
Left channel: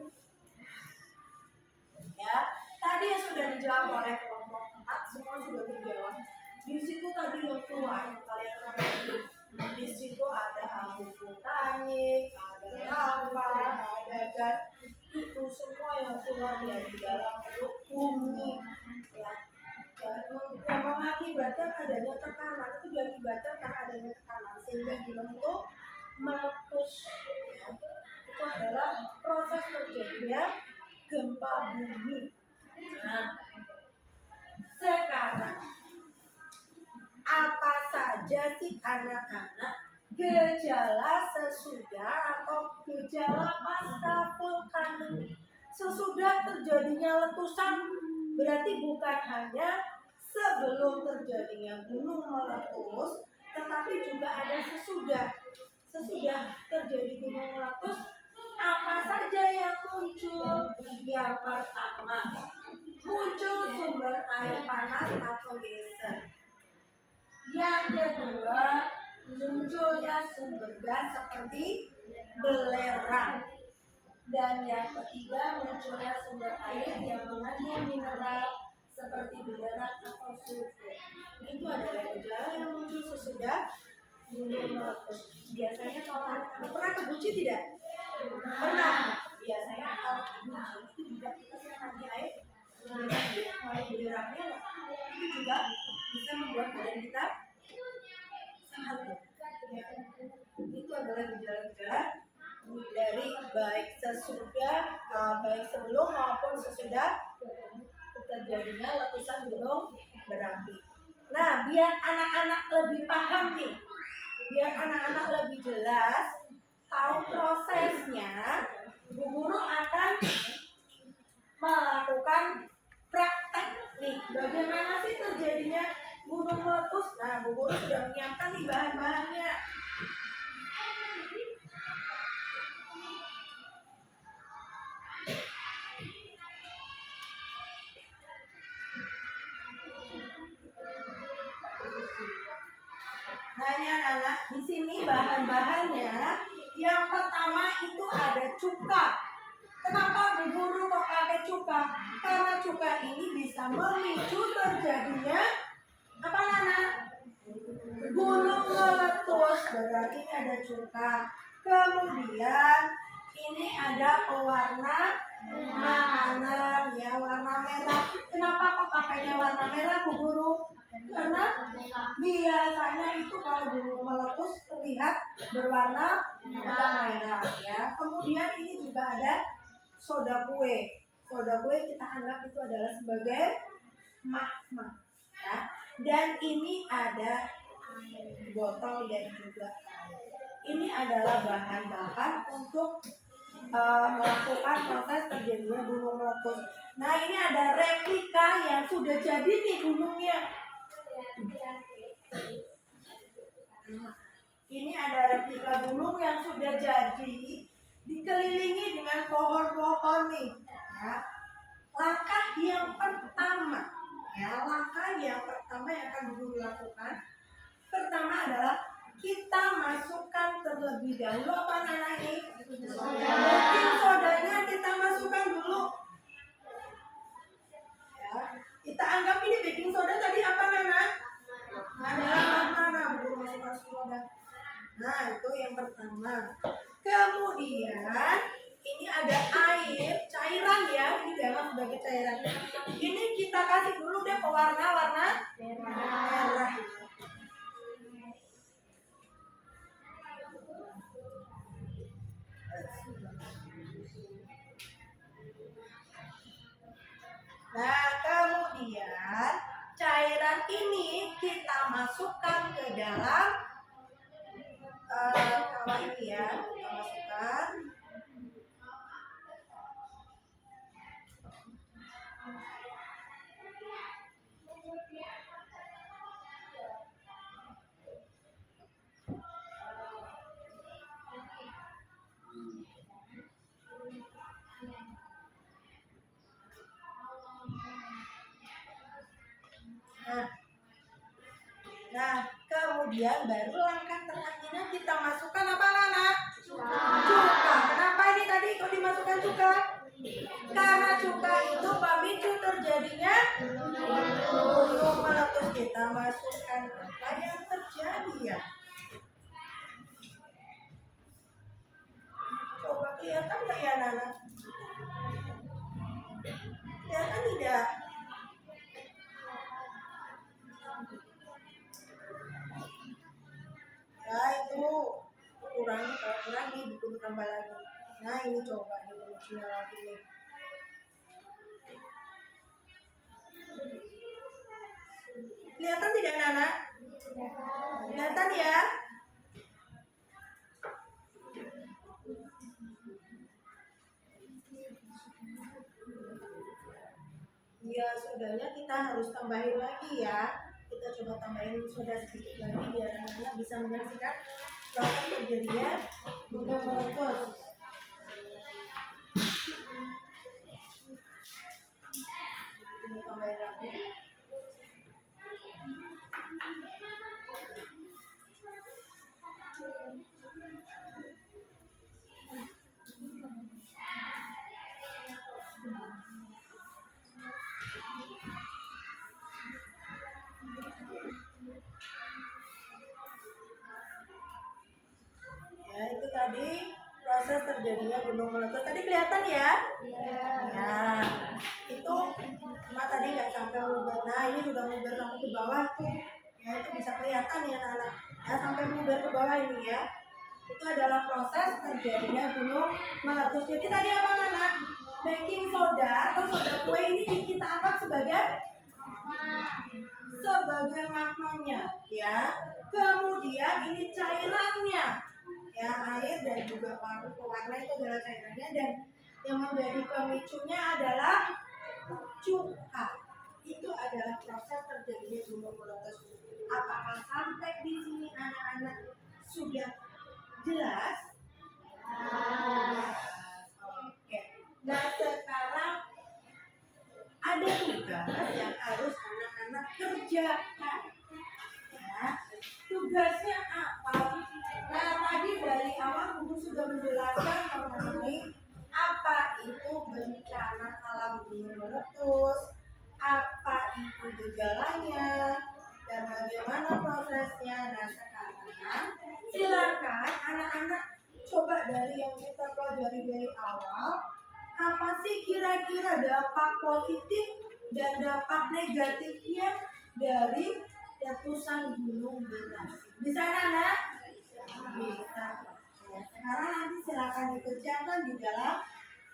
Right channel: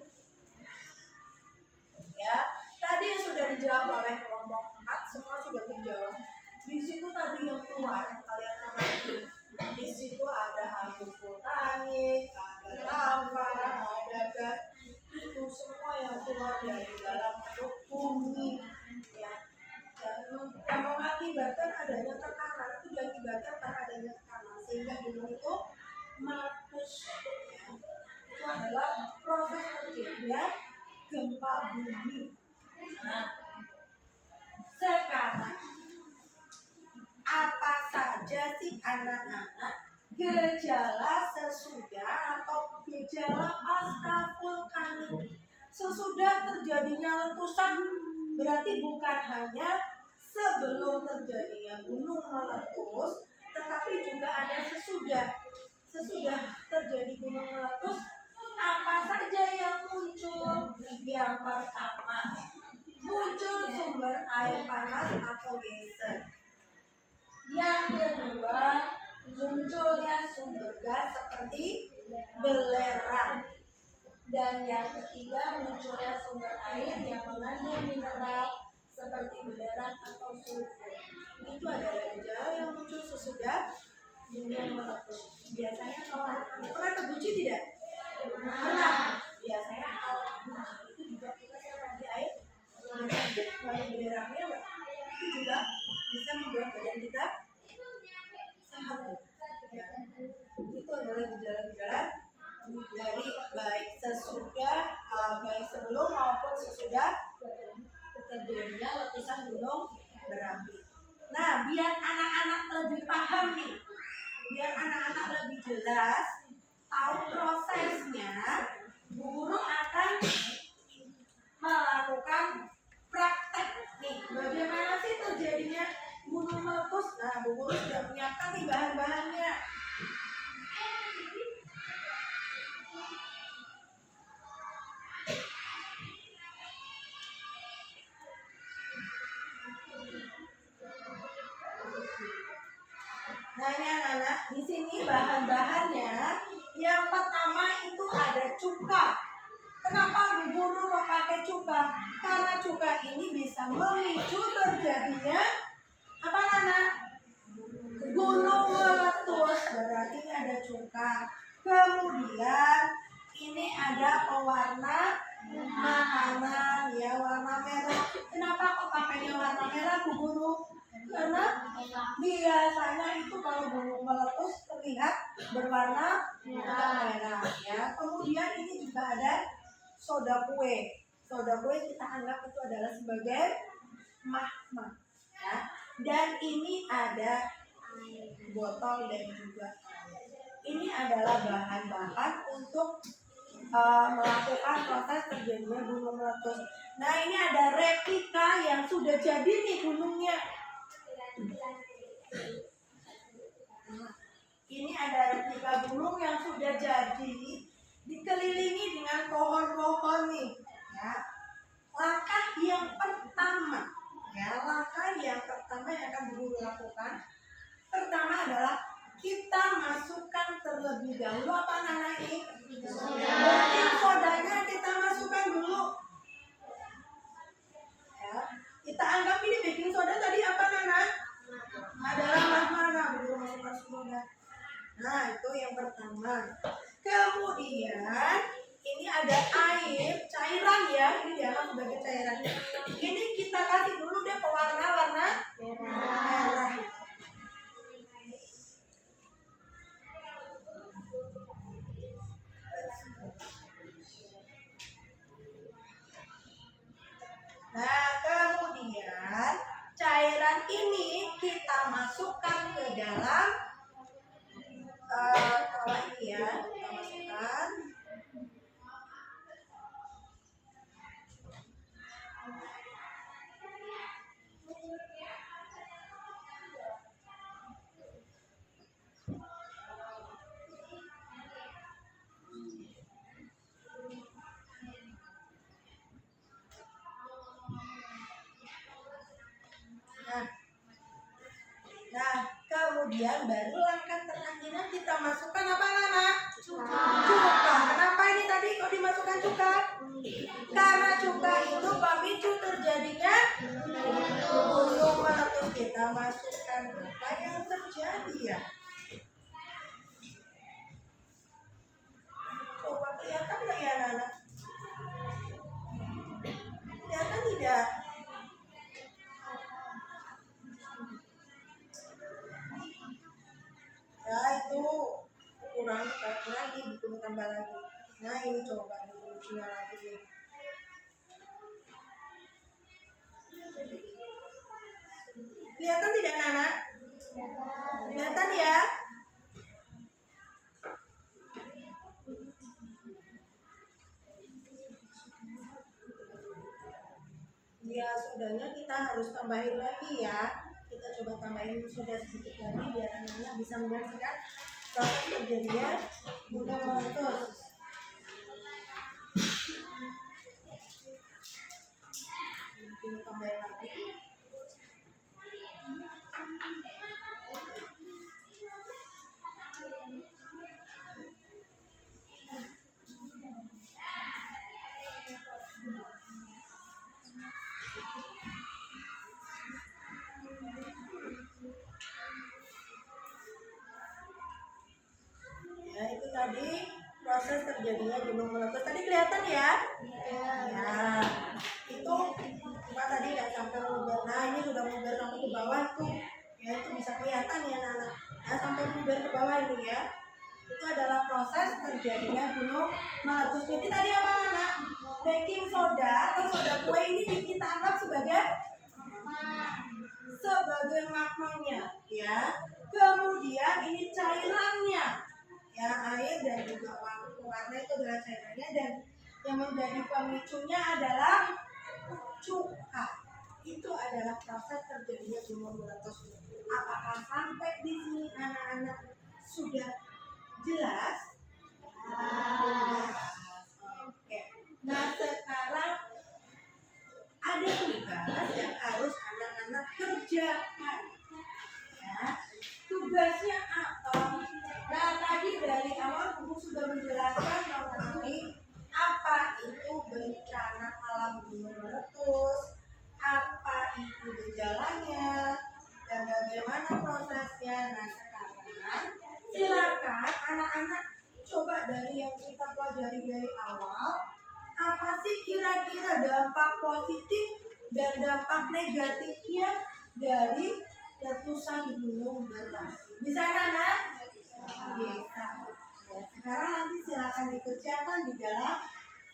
Ya, tadi yang sudah dijawab oleh kelompok 4, semua sudah dijawab. Di situ tadi yang keluar, kalian amati. Di situ ada abu vulkanik, ada lava, ada gas. Itu semua yang keluar dari dalam perut bumi. Ya. Yang mengakibatkan adanya tekanan, itu diakibatkan karena adanya tekanan sehingga gunung itu meletus. Ya. Itu adalah proses terjadinya gempa bumi. Nah, sekarang apa saja sih anak-anak gejala sesudah atau gejala pasca vulkanik? Sesudah terjadinya letusan berarti bukan hanya sebelum terjadinya gunung meletus, tetapi juga ada sesudah. Sesudah terjadi gunung meletus, apa saja yang muncul? Yang pertama, muncul sumber air panas atau geyser. Yang kedua, munculnya sumber gas seperti belerang. Dan yang ketiga, munculnya sumber air yang mengandung mineral seperti belerang atau sulfur. Itu adalah gejala yang muncul sesudah gunung meletus. Biasanya kalau anak-anak pernah ke Guci tidak? Pernah. Biasanya kalau Guci itu juga kita siram di air. Kalau belerangnya itu juga bisa membuat badan kita sehat. Ya. Itu adalah gejala-gejala dari baik sesudah, baik sebelum maupun sesudah terjadinya letusan gunung berapi. Nah, biar anak-anak lebih paham nih, biar anak-anak lebih jelas tahu prosesnya, Bu Guru akan melakukan praktek nih, bagaimana sih terjadinya gunung meletus. Nah, Bu Guru sudah menyiapkan nih bahan-bahannya. Nah, ini anak-anak, di sini bahan-bahannya. Yang pertama itu ada cuka. Kenapa Bu Guru mau pakai cuka? Karena cuka ini bisa memicu terjadinya apa anak? Gunung meletus. Berarti ini ada cuka. Kemudian ini ada pewarna makanan, ya, warna merah. Kenapa kok pakainya warna merah, Bu Guru? Karena biasanya itu kalau gunung meletus terlihat berwarna merah, ya. Kemudian ini juga ada soda kue. Soda kue kita anggap itu adalah sebagai magma, ya. Dan ini ada botol dan juga air. Ini adalah bahan-bahan untuk melakukan proses terjadinya gunung meletus. Nah, ini ada replika yang sudah jadi nih gunungnya. Ini ada replika gunung yang sudah jadi, dikelilingi dengan pohon-pohon nih. Ya. Langkah yang pertama yang akan Guru lakukan pertama adalah kita masukkan terlebih dahulu apa Nana ini? Baking sodanya kita masukkan dulu. Ya, kita anggap ini baking soda tadi apa Nana? Adalah mana? Guru masukkan soda. Nah, itu yang pertama. Kemudian ini ada air, cairan ya, ini dianggap sebagai cairan. Ini kita kasih dulu deh pewarna-warna merah. Nah, kemudian cairan ini kita masukkan ke dalam kalau ini ya, kita masukkan. Nah, kemudian baru langkah terakhirnya kita masukkan apa Nana? Cuka. Kenapa ini tadi kok dimasukkan cuka? Karena cuka itu pemicu terjadinya gunung meletus. Kita masukkan apa yang terjadi ya? Coba kelihatan nggak ya Nana? Kelihatan tidak? Ya itu kurang dibunuh tambah lagi. Nah ini coba dibunuhnya lagi nih. Kelihatan tidak Nana? Kelihatan ya? Ya sodanya kita harus tambahin lagi ya. Kita coba tambahin soda sedikit lagi biar anak-anak bisa menyaksikan proses terjadinya gunung meletus. Kita tambahin lagi. Ya itu tadi proses terjadinya gunung meletus. Tadi kelihatan ya? Ya itu cuma tadi nggak sampai meluber. Nah ini sudah meluber sampai ke bawah tuh. Ya itu bisa kelihatan ya Nana. Ya sampai meluber ke bawah ini ya. Itu adalah proses terjadinya gunung meletus. Jadi tadi apa Nana? Baking soda atau soda kue ini kita anggap sebagai magmanya ya. Kemudian ini cairannya ya, air dan juga pewarna itu adalah cairannya, dan yang menjadi pemicunya adalah cuka. Itu adalah proses terjadinya gunung meletus. Apakah sampai di sini anak-anak sudah jelas? Oke. Nah sekarang ada tugas yang harus anak-anak kerjakan. Ya. Tugasnya apa? Nah tadi dari awal Guru sudah menjelaskan mengenai apa itu bencana alam gunung meletus, apa itu gejalanya, dan bagaimana prosesnya. Nah sekarang silakan anak-anak coba dari yang kita pelajari dari awal, apa sih kira-kira dampak positif dan dampak negatifnya dari letusan gunung berapi? Bisa Nana? Bisa. Ya, sekarang nanti silakan dikerjakan di dalam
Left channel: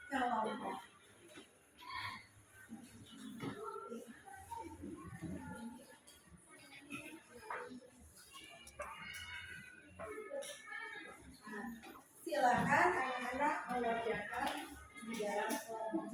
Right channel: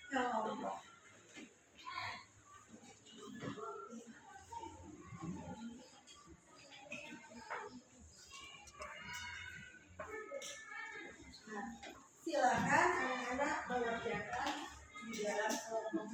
kelompok. Silakan anak-anak mengerjakan di dalam kelompok.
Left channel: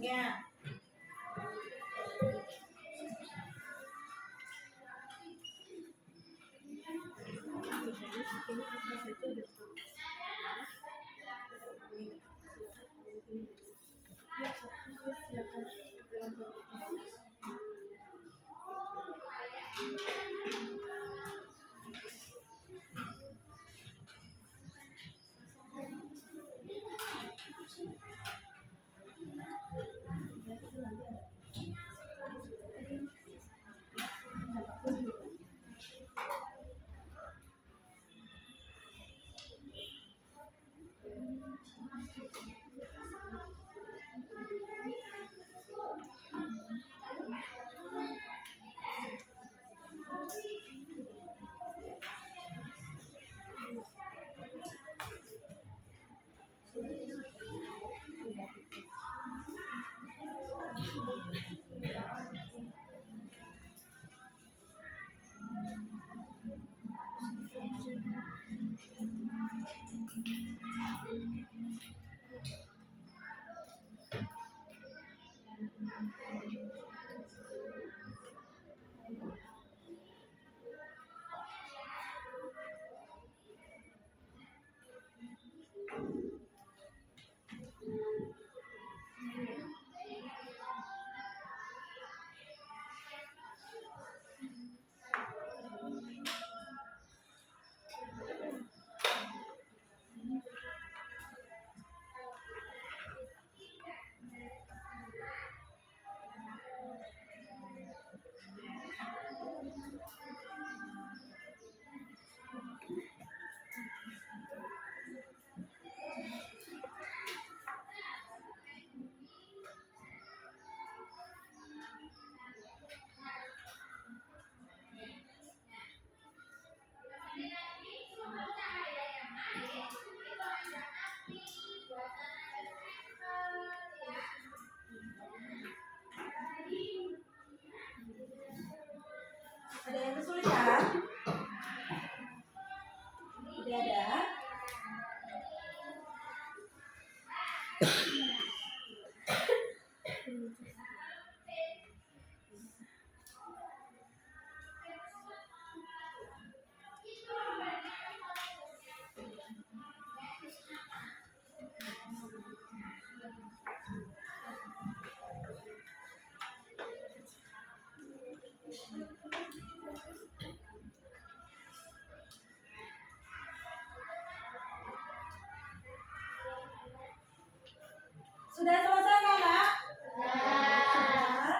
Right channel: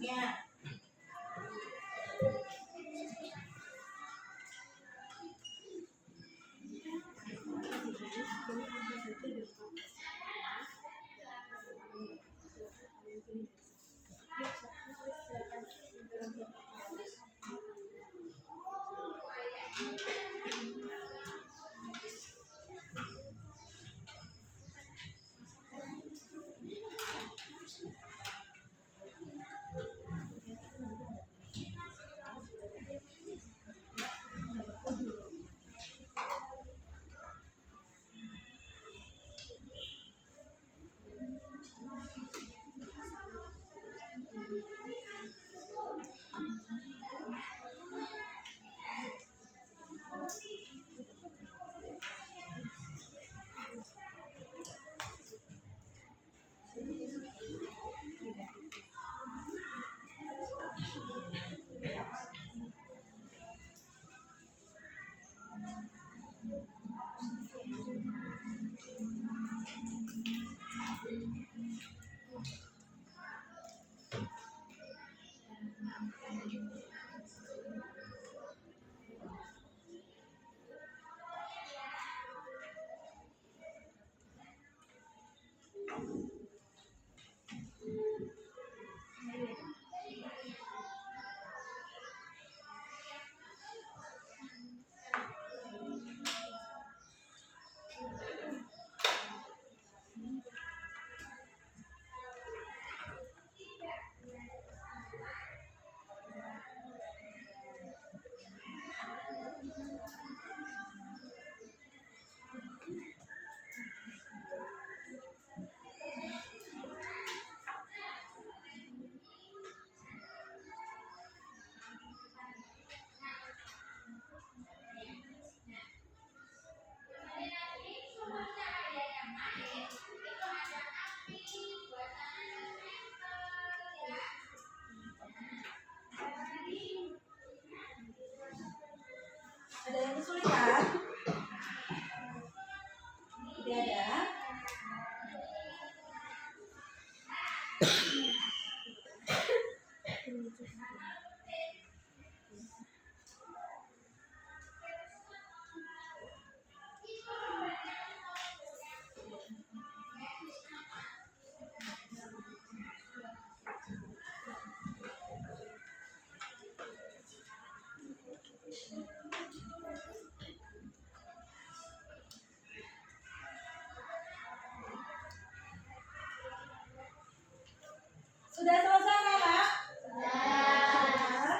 Sudah selesai kakak? Sudah.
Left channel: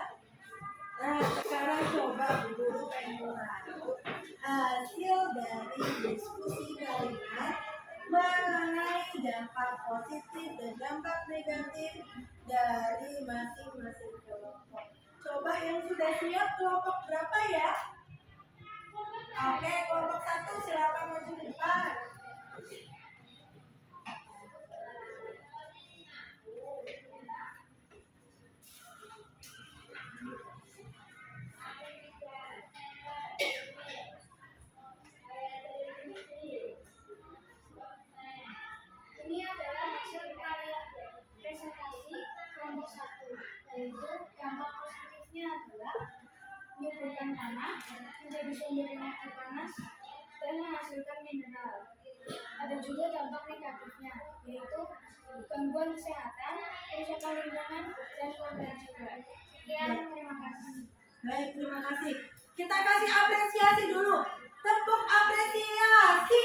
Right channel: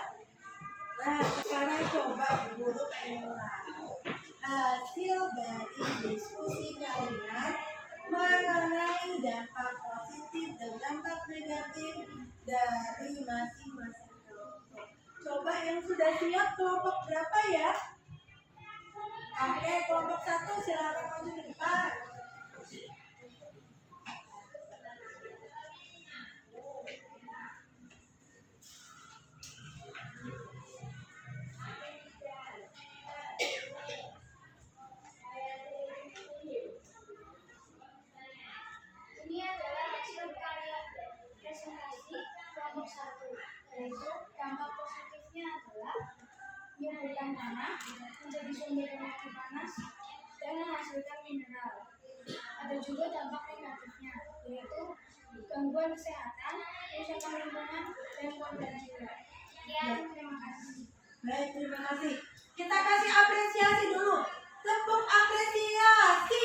Nah, sekarang coba guru pengen tahu hasil dari diskusi kalian mengenai dampak positif dan dampak negatif dari masing-masing kelompok. Coba yang sudah siap kelompok berapa ya? Oke, kelompok 1 silakan maju ke depan. Ini adalah hasil karya presentasi kelompok 1, yaitu dampak positifnya adalah menyuburkan tanah, menjadi sumber energi panas, dan menghasilkan mineral. Ada juga dampak negatifnya, yaitu gangguan kesehatan, kerusakan lingkungan, dan korban jiwa. Sekian, terima kasih. Baik, terima kasih. Kita kasih apresiasi dulu. Tepuk apresiasi.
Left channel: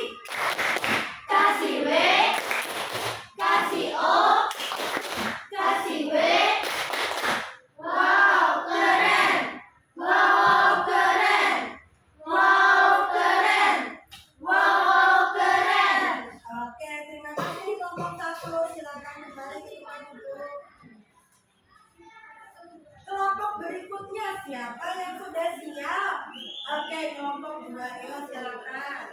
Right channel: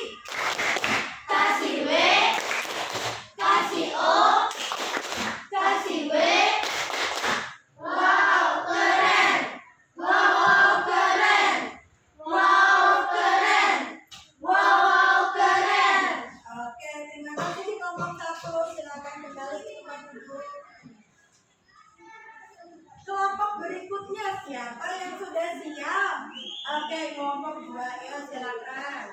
Kasih W, kasih O, kasih W. Wow, keren. Wow, keren. Wow, keren. Wow, keren. Oke, terima kasih kelompok 1. Silakan kembali ke tempat duduk. Kelompok berikutnya siapa yang sudah siap? Oke, kelompok 2 ya, silakan.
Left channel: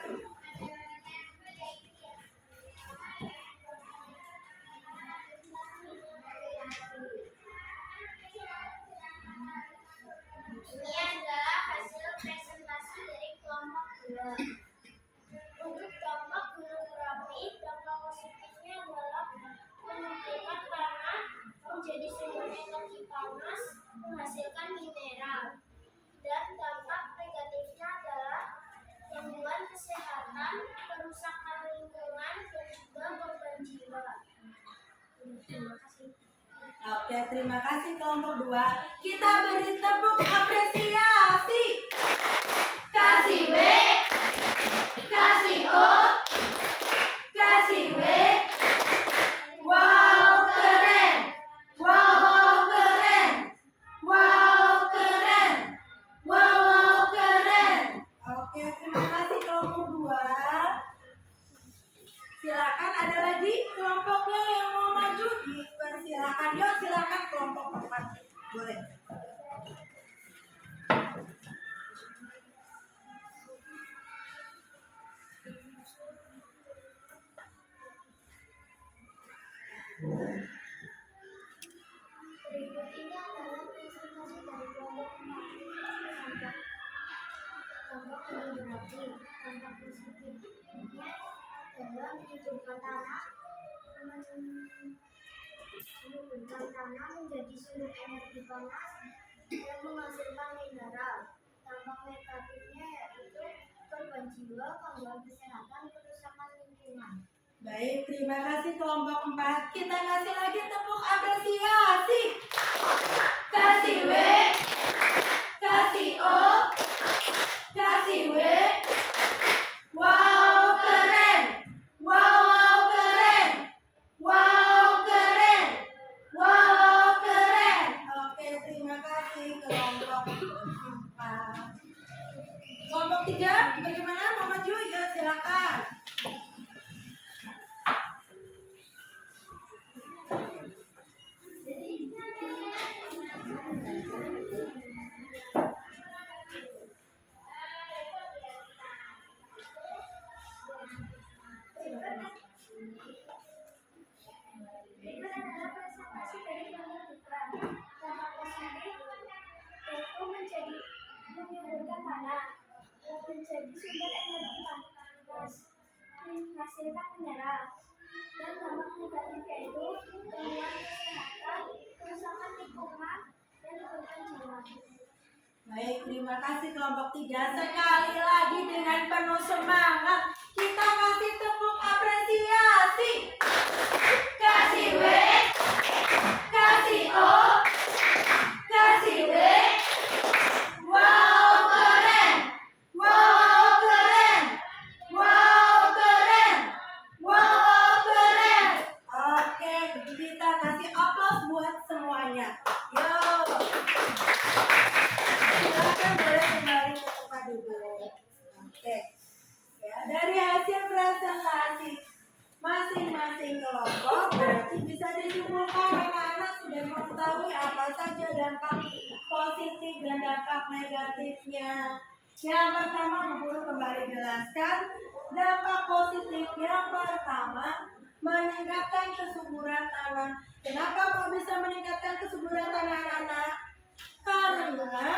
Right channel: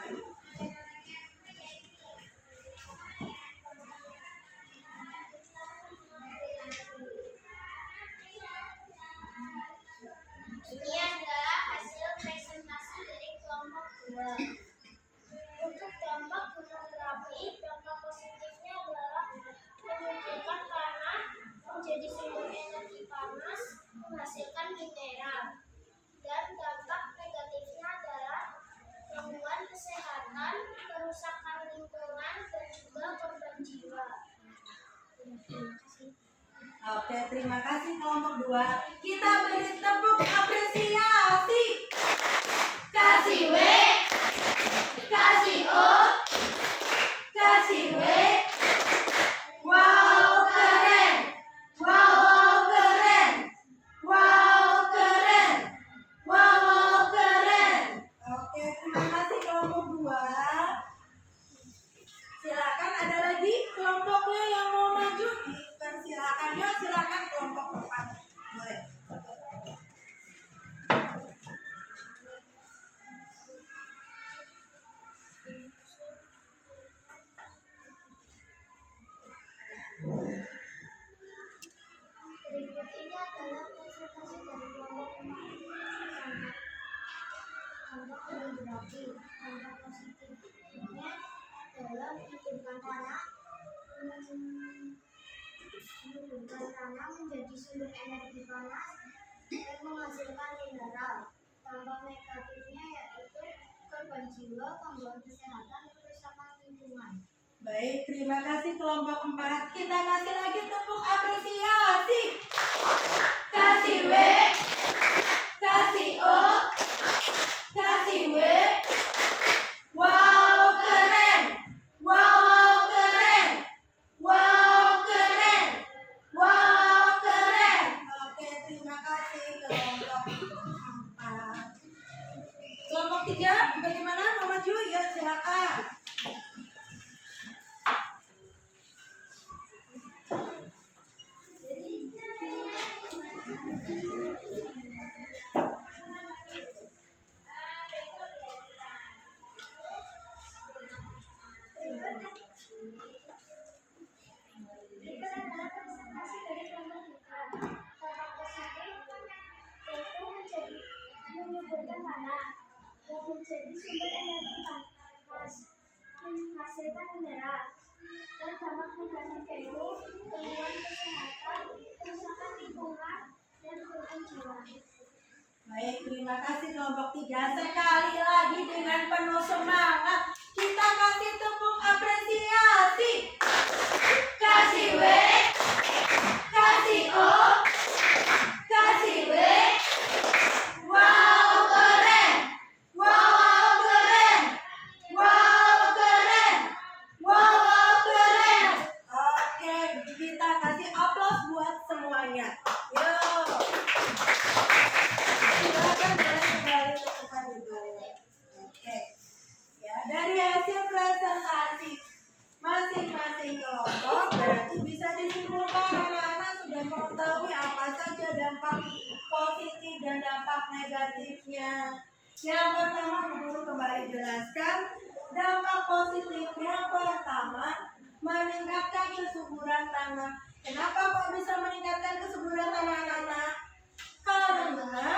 Ini adalah hasil presentasi dari kelompok 2. Untuk dampak gunung berapi, dampak positifnya adalah menyuburkan tanah, menjadi sumber energi panas, menghasilkan mineral. Dan dampak negatifnya adalah gangguan kesehatan, kerusakan lingkungan, dan juga korban jiwa. Terima kasih. Oke, terima kasih kelompok 2. Kita beri tepuk apresiasi. Kasih W, kasih O, kasih W. Wow, keren. Wow, keren. Wow, keren. Wow, keren. Oke, terima kasih kelompok 2. Silakan, ada lagi kelompoknya yang mau maju, dipersilakan. Yuk, silakan kelompok 4. Boleh. Berikut ini adalah presentasi dari kelompok 4. Dampak gunung berapi. Dampak positifnya adalah menyuburkan tanah, menjadi sumber energi panas dan menghasilkan mineral. Dampak negatifnya yaitu korban jiwa, gangguan kesehatan, kerusakan lingkungan. Baik, terima kasih kelompok 4. Kita kasih lagi tepuk apresiasi. Kasih W, kasih O, kasih W. Wow, keren. Wow, keren. Wow, keren. Wow, keren. Oke, terima kasih kelompok 4. Kelompok 3, bagaimana? Mau maju? Ya, silakan. Berikut adalah presentasi dari kelompok 3. Dampak positif yaitu menyuburkan tanah, menjadi sumber energi panas, menghasilkan mineral. Dan dampak negatif yaitu gangguan kesehatan, kerusakan lingkungan, dan korban jiwa. Baik, terima kasih kelompok 3. Sekali lagi dengan penuh semangat, kita kasih tepuk apresiasi. Kasih W, kasih O, kasih W. Wow, ya. Yuk. Silakan boleh kembali ke tempat duduk. Oke. Ya, dari hasil presentasi masing-masing kelompok berarti bisa disimpulkan anak-anak sudah mengetahui apa saja dampak positif dan dampak negatifnya. Yang pertama, guru kembali jelaskan dampak positifnya. Pertama, meningkatkan kesuburan tanah. Kenapa kok bisa meningkatkan kesuburan tanah anak-anak? Karena,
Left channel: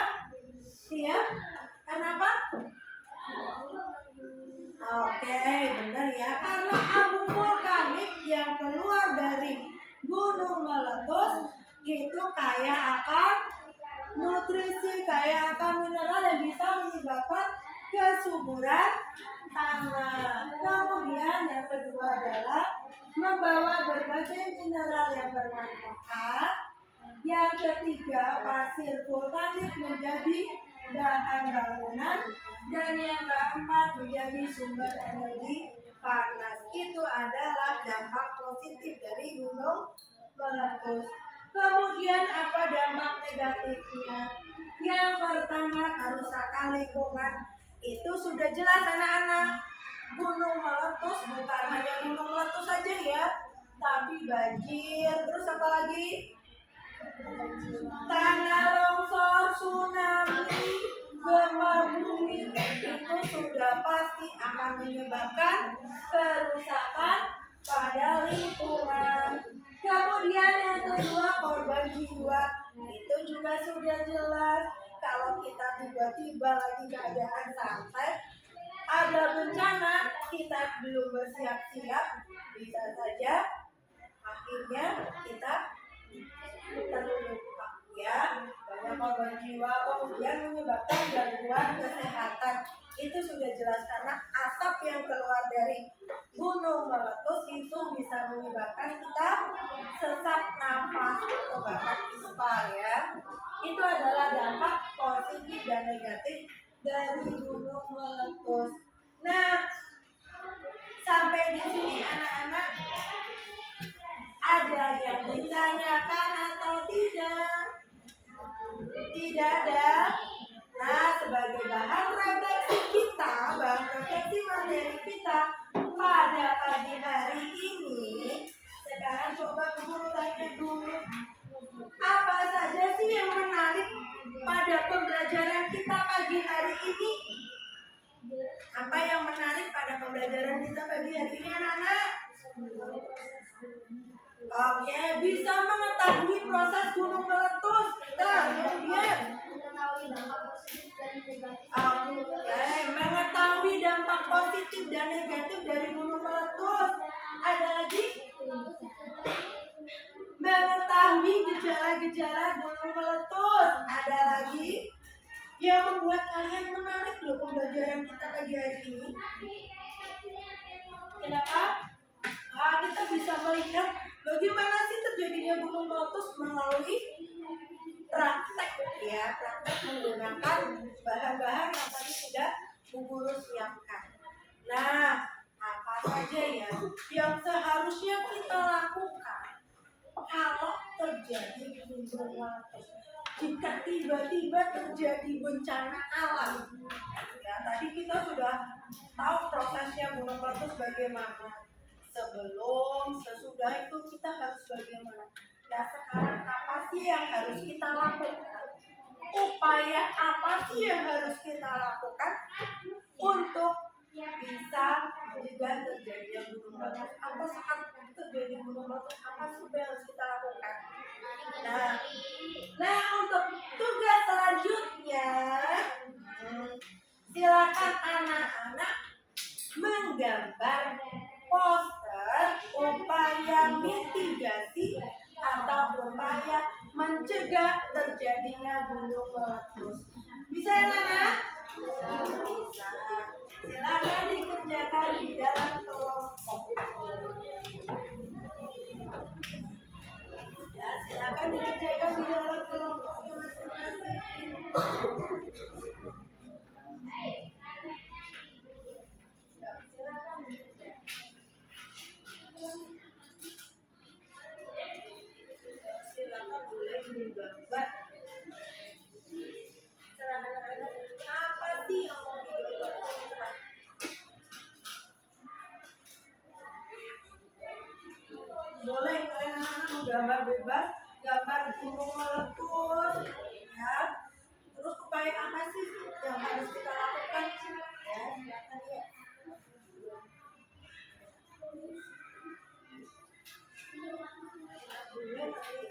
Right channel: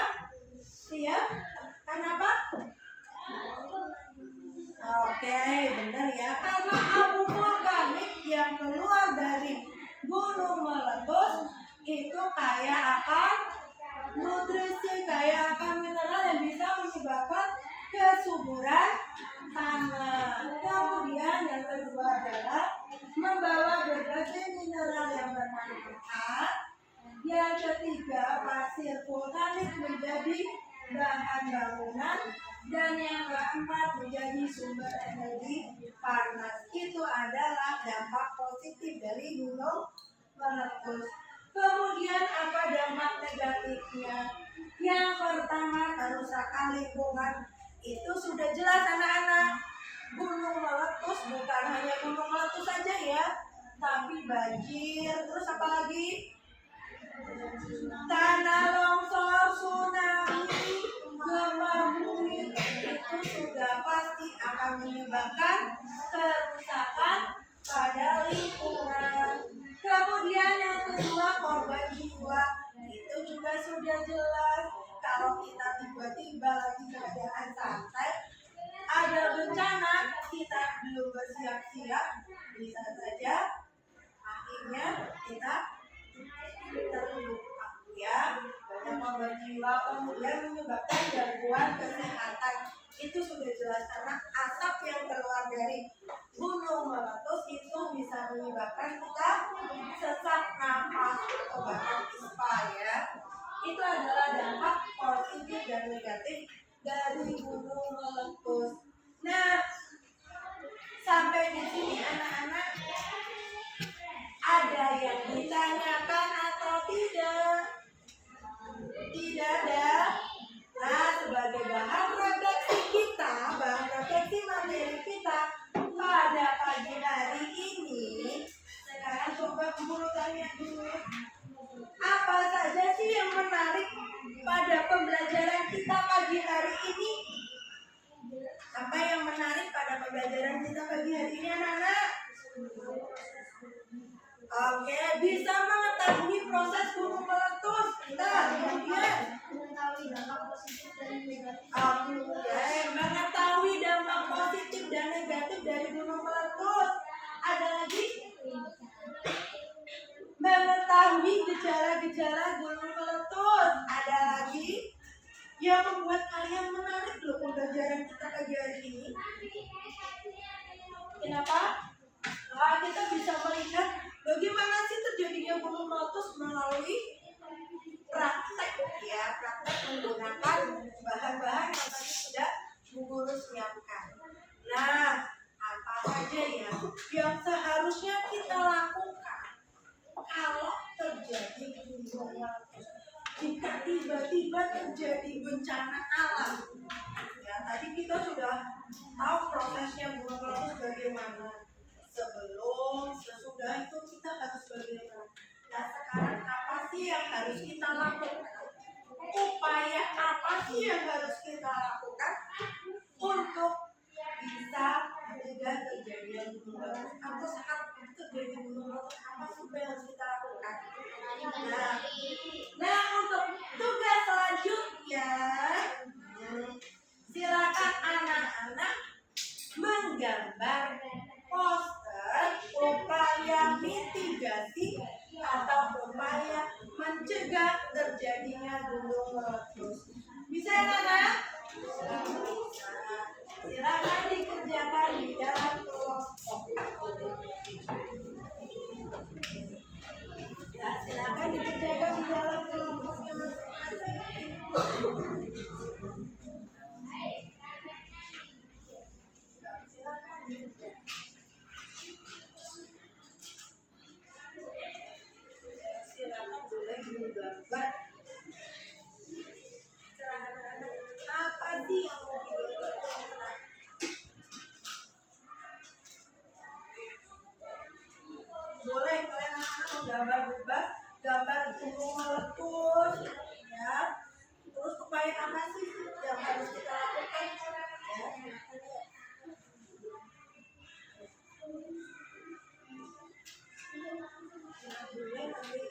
ya, kenapa? Oke, benar ya. Karena abu vulkanik yang keluar dari gunung meletus itu kaya akan nutrisi, kaya akan mineral yang bisa menyebabkan kesuburan tanah. Kemudian yang kedua adalah membawa berbagai mineral yang bermanfaat. Yang ketiga, pasir vulkanik menjadi bahan bangunan. Dan yang keempat, menjadi sumber energi panas. Itu adalah dampak positif dari gunung meletus. Kemudian apa dampak negatifnya? Yang pertama, kerusakan lingkungan. Itu sudah jelas anak-anak. Gunung meletus bukan hanya gunung meletus saja ya, tapi banjir, terus apa lagi? Tanah longsor, tsunami, gempa bumi itu sudah pasti akan menyebabkan kerusakan pada lingkungan. Kemudian yang kedua, korban jiwa. Itu juga sudah jelas. Kalau kita tiba-tiba lagi keadaan santai, ada bencana, kita belum bersiap-siap, bisa saja akhirnya kita terluka ya, banyak korban jiwa, kemudian menyebabkan gangguan kesehatan. Itu sudah jelas karena asap yang keluar dari gunung meletus itu bisa menyebabkan kita sesak nafas atau bahkan ispa ya. Itu adalah dampak positif dan negatif dari gunung meletus. Nah, sampai di sini anak-anak ada yang ditanyakan atau tidak? Tidak ada. Nah, sebagai bahan refleksi kita, bahan refleksi materi kita pada pagi hari ini, sekarang coba guru tanya dulu, apa saja sih yang menarik pada pembelajaran kita pagi hari ini? Apa yang menarik pada pembelajaran kita pagi hari ini anak-anak? Oke, bisa mengetahui proses gunung meletus. Kemudian mengetahui dampak positif dan negatif dari gunung meletus. Ada lagi? Mengetahui gejala-gejala gunung meletus. Ada lagi? Yang membuat kalian menarik loh pembelajaran kita pagi hari ini. Kenapa? Nah, kita bisa melihat bagaimana sih terjadinya gunung meletus melalui praktek ya, praktek menggunakan bahan-bahan yang tadi sudah Bu Guru siapkan. Nah, apa saja ya yang seharusnya kita lakukan kalau terjadi gunung meletus? Jika tiba-tiba terjadi bencana alam, ya tadi kita sudah tahu prosesnya gunung meletus bagaimana. Sebelum, sesudah itu kita harus bagaimana. Nah sekarang apa sih yang harus kita lakukan? Upaya apa sih yang harus kita lakukan untuk bisa mencegah terjadinya gunung meletus? Atau saat terjadi gunung meletus apa sih yang harus kita lakukan? Nah untuk tugas selanjutnya, silakan anak-anak menggambar poster upaya mitigasi atau upaya mencegah terjadinya gunung meletus. Bisa ya anak? Bisa. Silakan dikerjakan di dalam kelompok. Ya, silakan dikerjakan di dalam kelompoknya masing-masing. Silakan boleh digambar. Terserah anak-anak, apa sih yang mau digambar? Terserah. Boleh kalian anak-anak mau gambar bebas, gambar gunung meletus, ya. Terus upaya apa sih yang harus kita lakukan? Ya, silakan ya. Boleh nanti.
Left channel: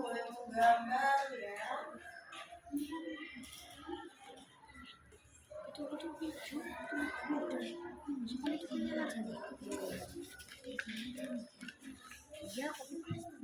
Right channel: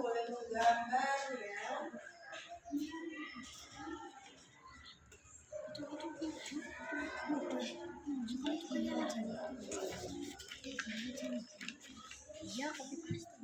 boleh menggambar ya. Iya, kopi pasti.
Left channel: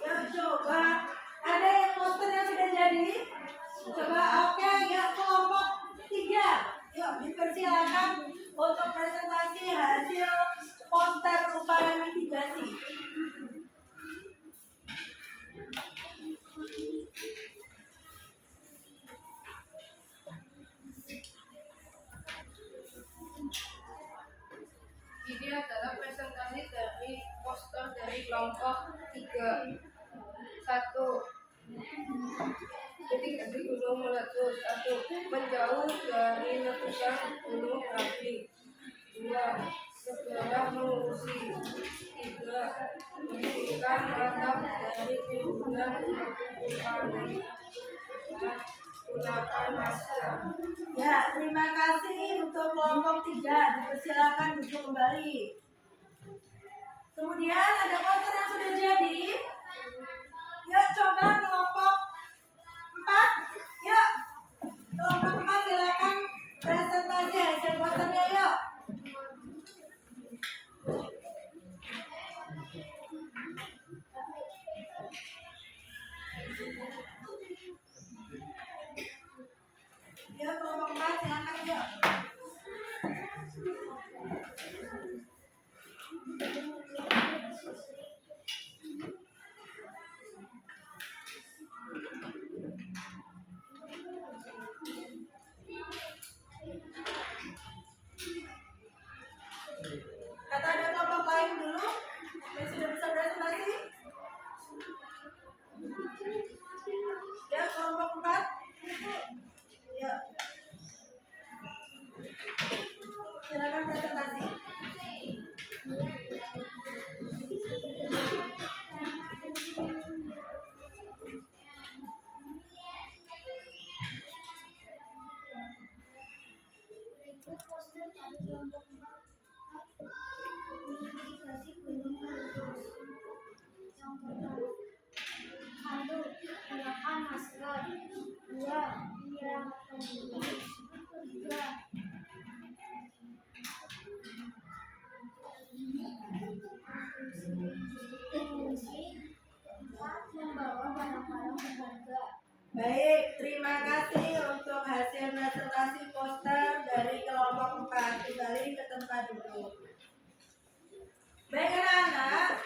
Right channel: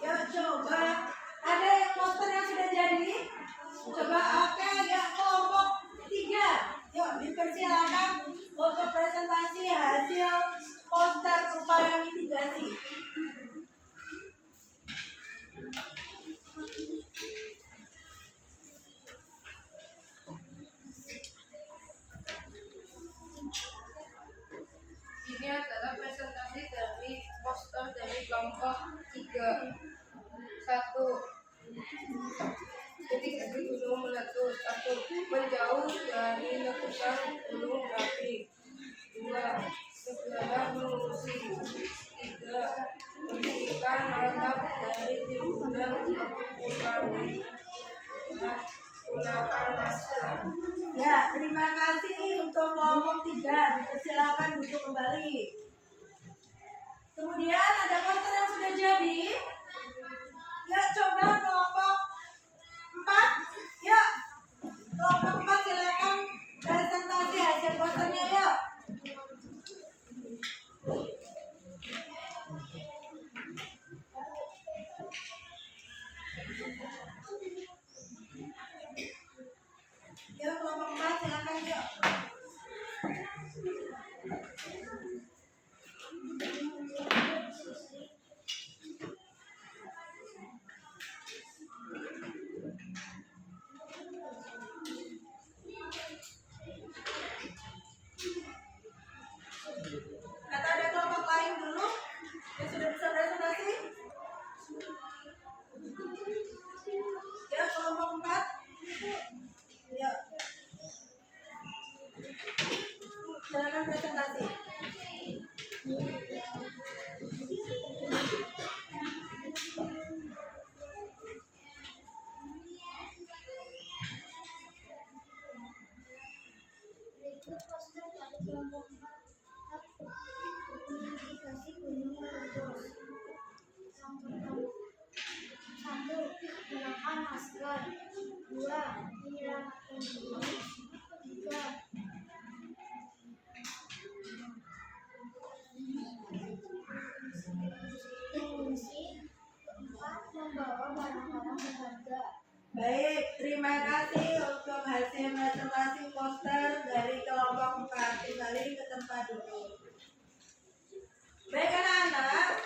Yuk coba, ada yang poster yang sudah jadi? Coba oke ya, kelompok 3. Yuk dipersilakan untuk presentasi hasil poster upaya mitigasi. Ini adalah presentasi dari poster dari kelompok 3. 1. Titik api gunung meletus. 1. Menjauh dari letusan gunung berapi. 2. Segera mengungsi. 3. Bersihkan atap dari timbunan abu vulkanik. 4. Gunakan masker. Ya, terima kasih untuk kelompok 3. Dipersilakan duduk kembali. Kemudian ada poster yang sudah jadi. Yuk coba kelompok 4. Yuk, kelompok 4 silakan presentasi hasil posternya yuk. poster dari kelompok 4 mitigasi gunung meletus. Yang pertama, 1. Gunakan masker. 2. Menyelamatkan diri. 3. Mengungsi. 4. Membawa barang-barang berharga. Baik, terima kasih untuk hasil presentasi poster dari kelompok 4. Kembali ke tempat duduk. Baik anak-anak,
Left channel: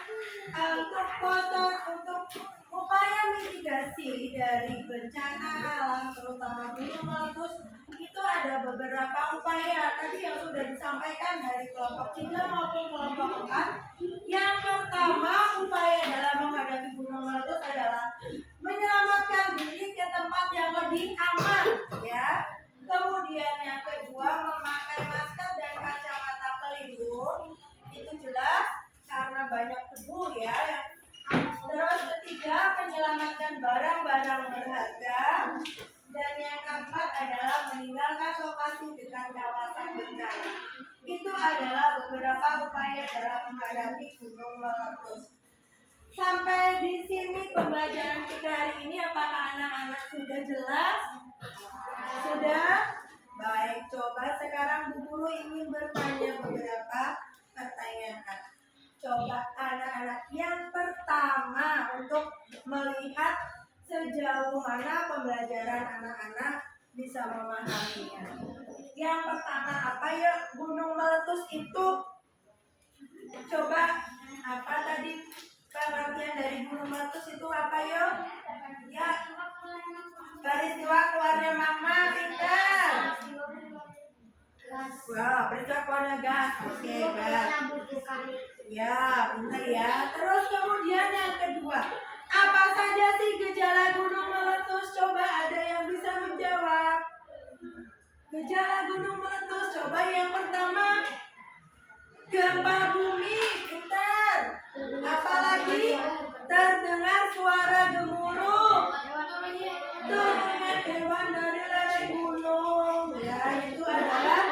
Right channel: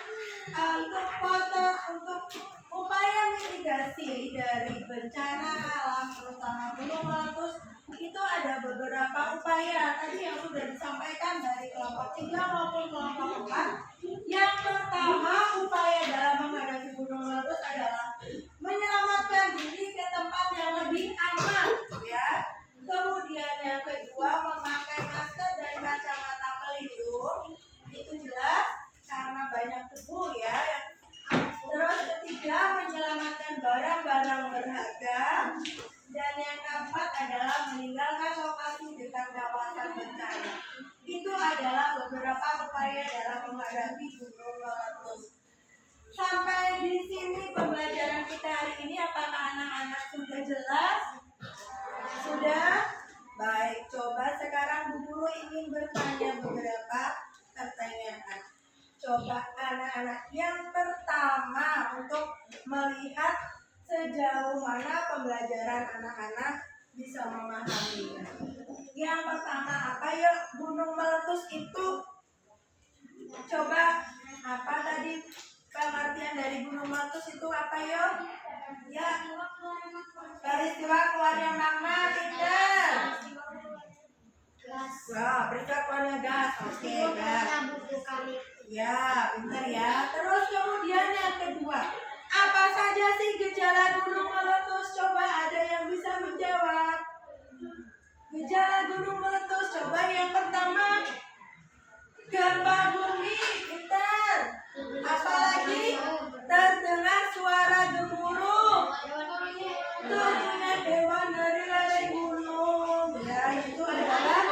untuk poster untuk upaya mitigasi dari bencana alam terutama gunung meletus itu ada beberapa upaya tadi yang sudah disampaikan dari kelompok 3 maupun kelompok 4. Yang pertama, upaya dalam menghadapi gunung meletus adalah menyelamatkan diri ke tempat yang lebih aman, ya. Kemudian yang kedua, memakai masker dan kacamata pelindung. Itu jelas karena banyak debu, ya. Terus ketiga, menyelamatkan barang-barang berharga. Dan yang keempat adalah meninggalkan lokasi dekat kawasan bencana. Itu adalah beberapa upaya dalam menghadapi gunung meletus. Sampai di sini pembelajaran kita hari ini, apakah anak-anak sudah jelas? Sudah? Baik, coba sekarang Bu Guru ingin bertanya beberapa pertanyaan. Coba anak-anak, yang pertama untuk melihat sejauh mana pembelajaran anak-anak bisa memahaminya. Yang pertama apa ya, gunung meletus itu? Coba apa tadi pengertian dari gunung meletus itu apa ya? Ya, peristiwa keluarnya magma, pinter. Wah, peristiwa keluarnya gas. Oke, gas. Ya, pinter ya. Terus kemudian yang kedua, apa saja sih gejala gunung meletus? Coba ada yang bisa menjawab. Gejala gunung meletus, coba yang pertama, gempa bumi, pinter. Apalagi terdengar suara gemuruh, terdengar hewan dari lereng gunung. Ya, itu adalah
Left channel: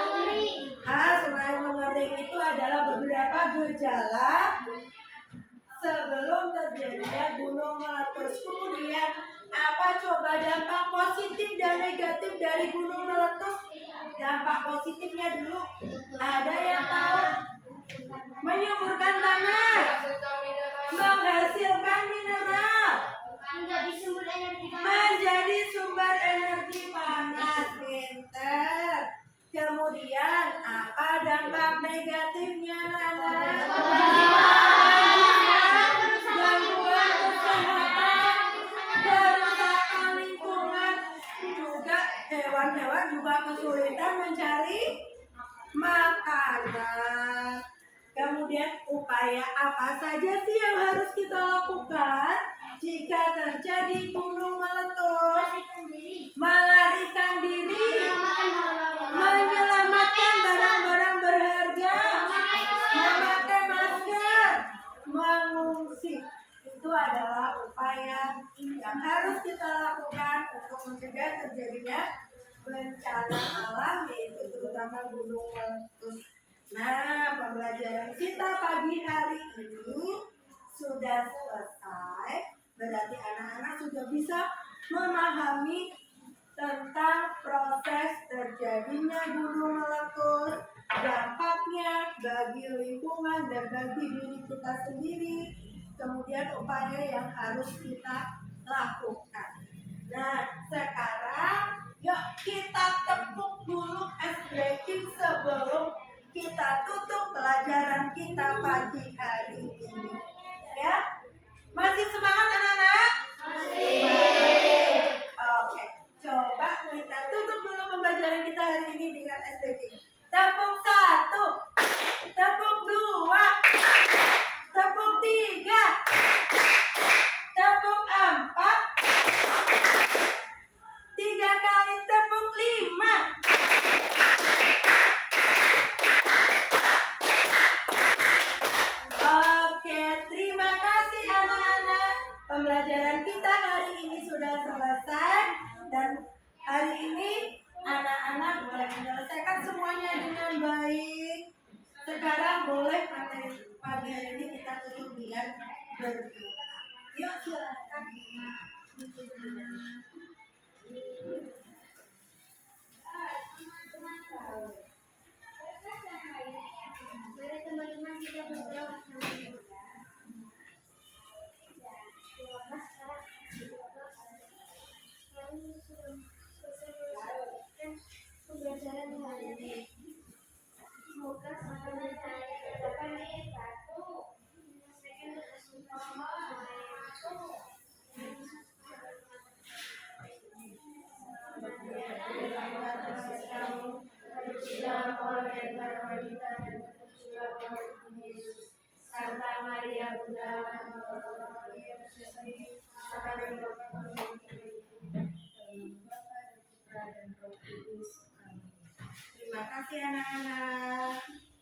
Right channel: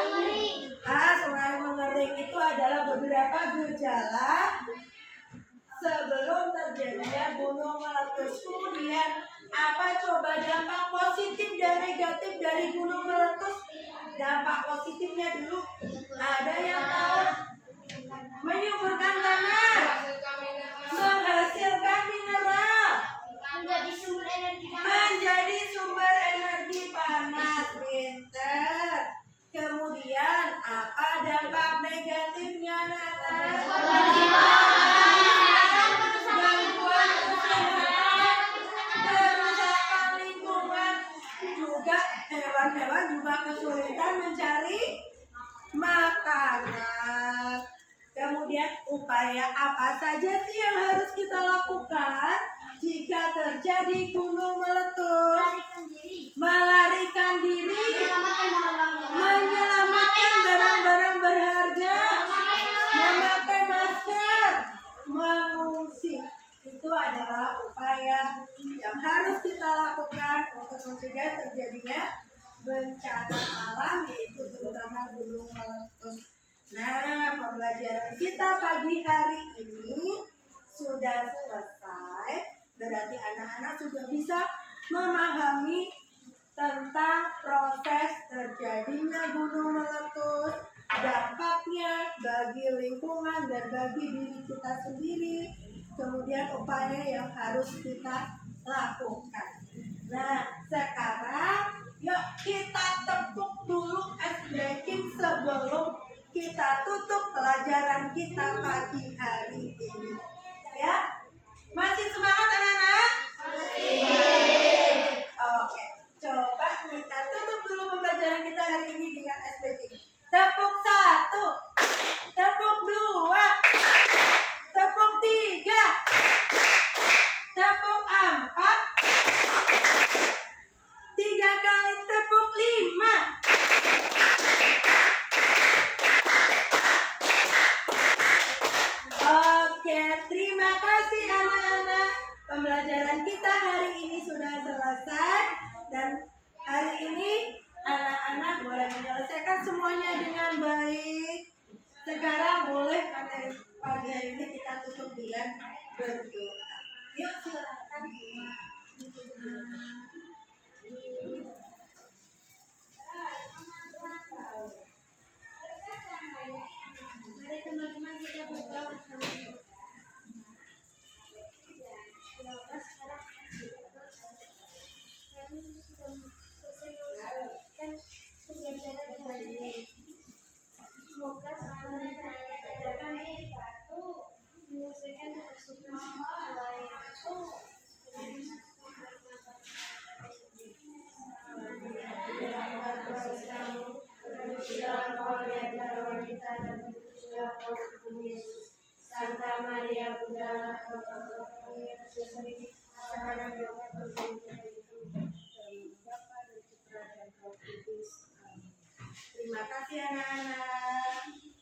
selain mengering itu adalah beberapa gejala sebelum terjadinya gunung meletus. Kemudian apa coba dampak positif dan negatif dari gunung meletus? Dampak positifnya dulu, ada yang tahu? Menyuburkan tanah, menghasilkan mineral, menjadi sumber energi panas, pinter. Kemudian apa dampak negatifnya, anak-anak? Gangguan kesehatan, kerusakan lingkungan, juga hewan-hewan juga kesulitan mencari makanan. Kemudian upaya apa saja sih yang harus kita lakukan jika terjadi gunung meletus? Melarikan diri, menyelamatkan barang-barang berharga, memakai masker, mengungsi. Itu adalah upaya yang harus kita lakukan untuk mencegah terjadinya bencana alam, yaitu terutama gunung meletus. Nah, pembelajaran kita pagi hari ini sudah selesai. Berarti anak-anak sudah bisa memahami tentang proses terjadinya gunung meletus, dampaknya bagi lingkungan dan bagi diri kita sendiri, kemudian upaya yang harus kita lakukan. Nah, sekarang yuk kita tepuk dulu es breaking sebelum kita tutup pelajaran kita pagi hari ini. Ya, masih semangat anak-anak? Masih. Oke, coba kita tutup dulu pembelajaran kita hari ini dengan es breaking. Tepuk 1, tepuk 2, tepuk 3, tepuk 4, 3 kali tepuk 5. kemudian berdoa. Yuk silakan. Mari teman-teman kita berdoa sama kami sudah selesai melakukan pembelajaran hari ini. Semoga apa yang saya katakan menyelesaikan tugas Santa Maria Bunda Terima kasih anak-anak.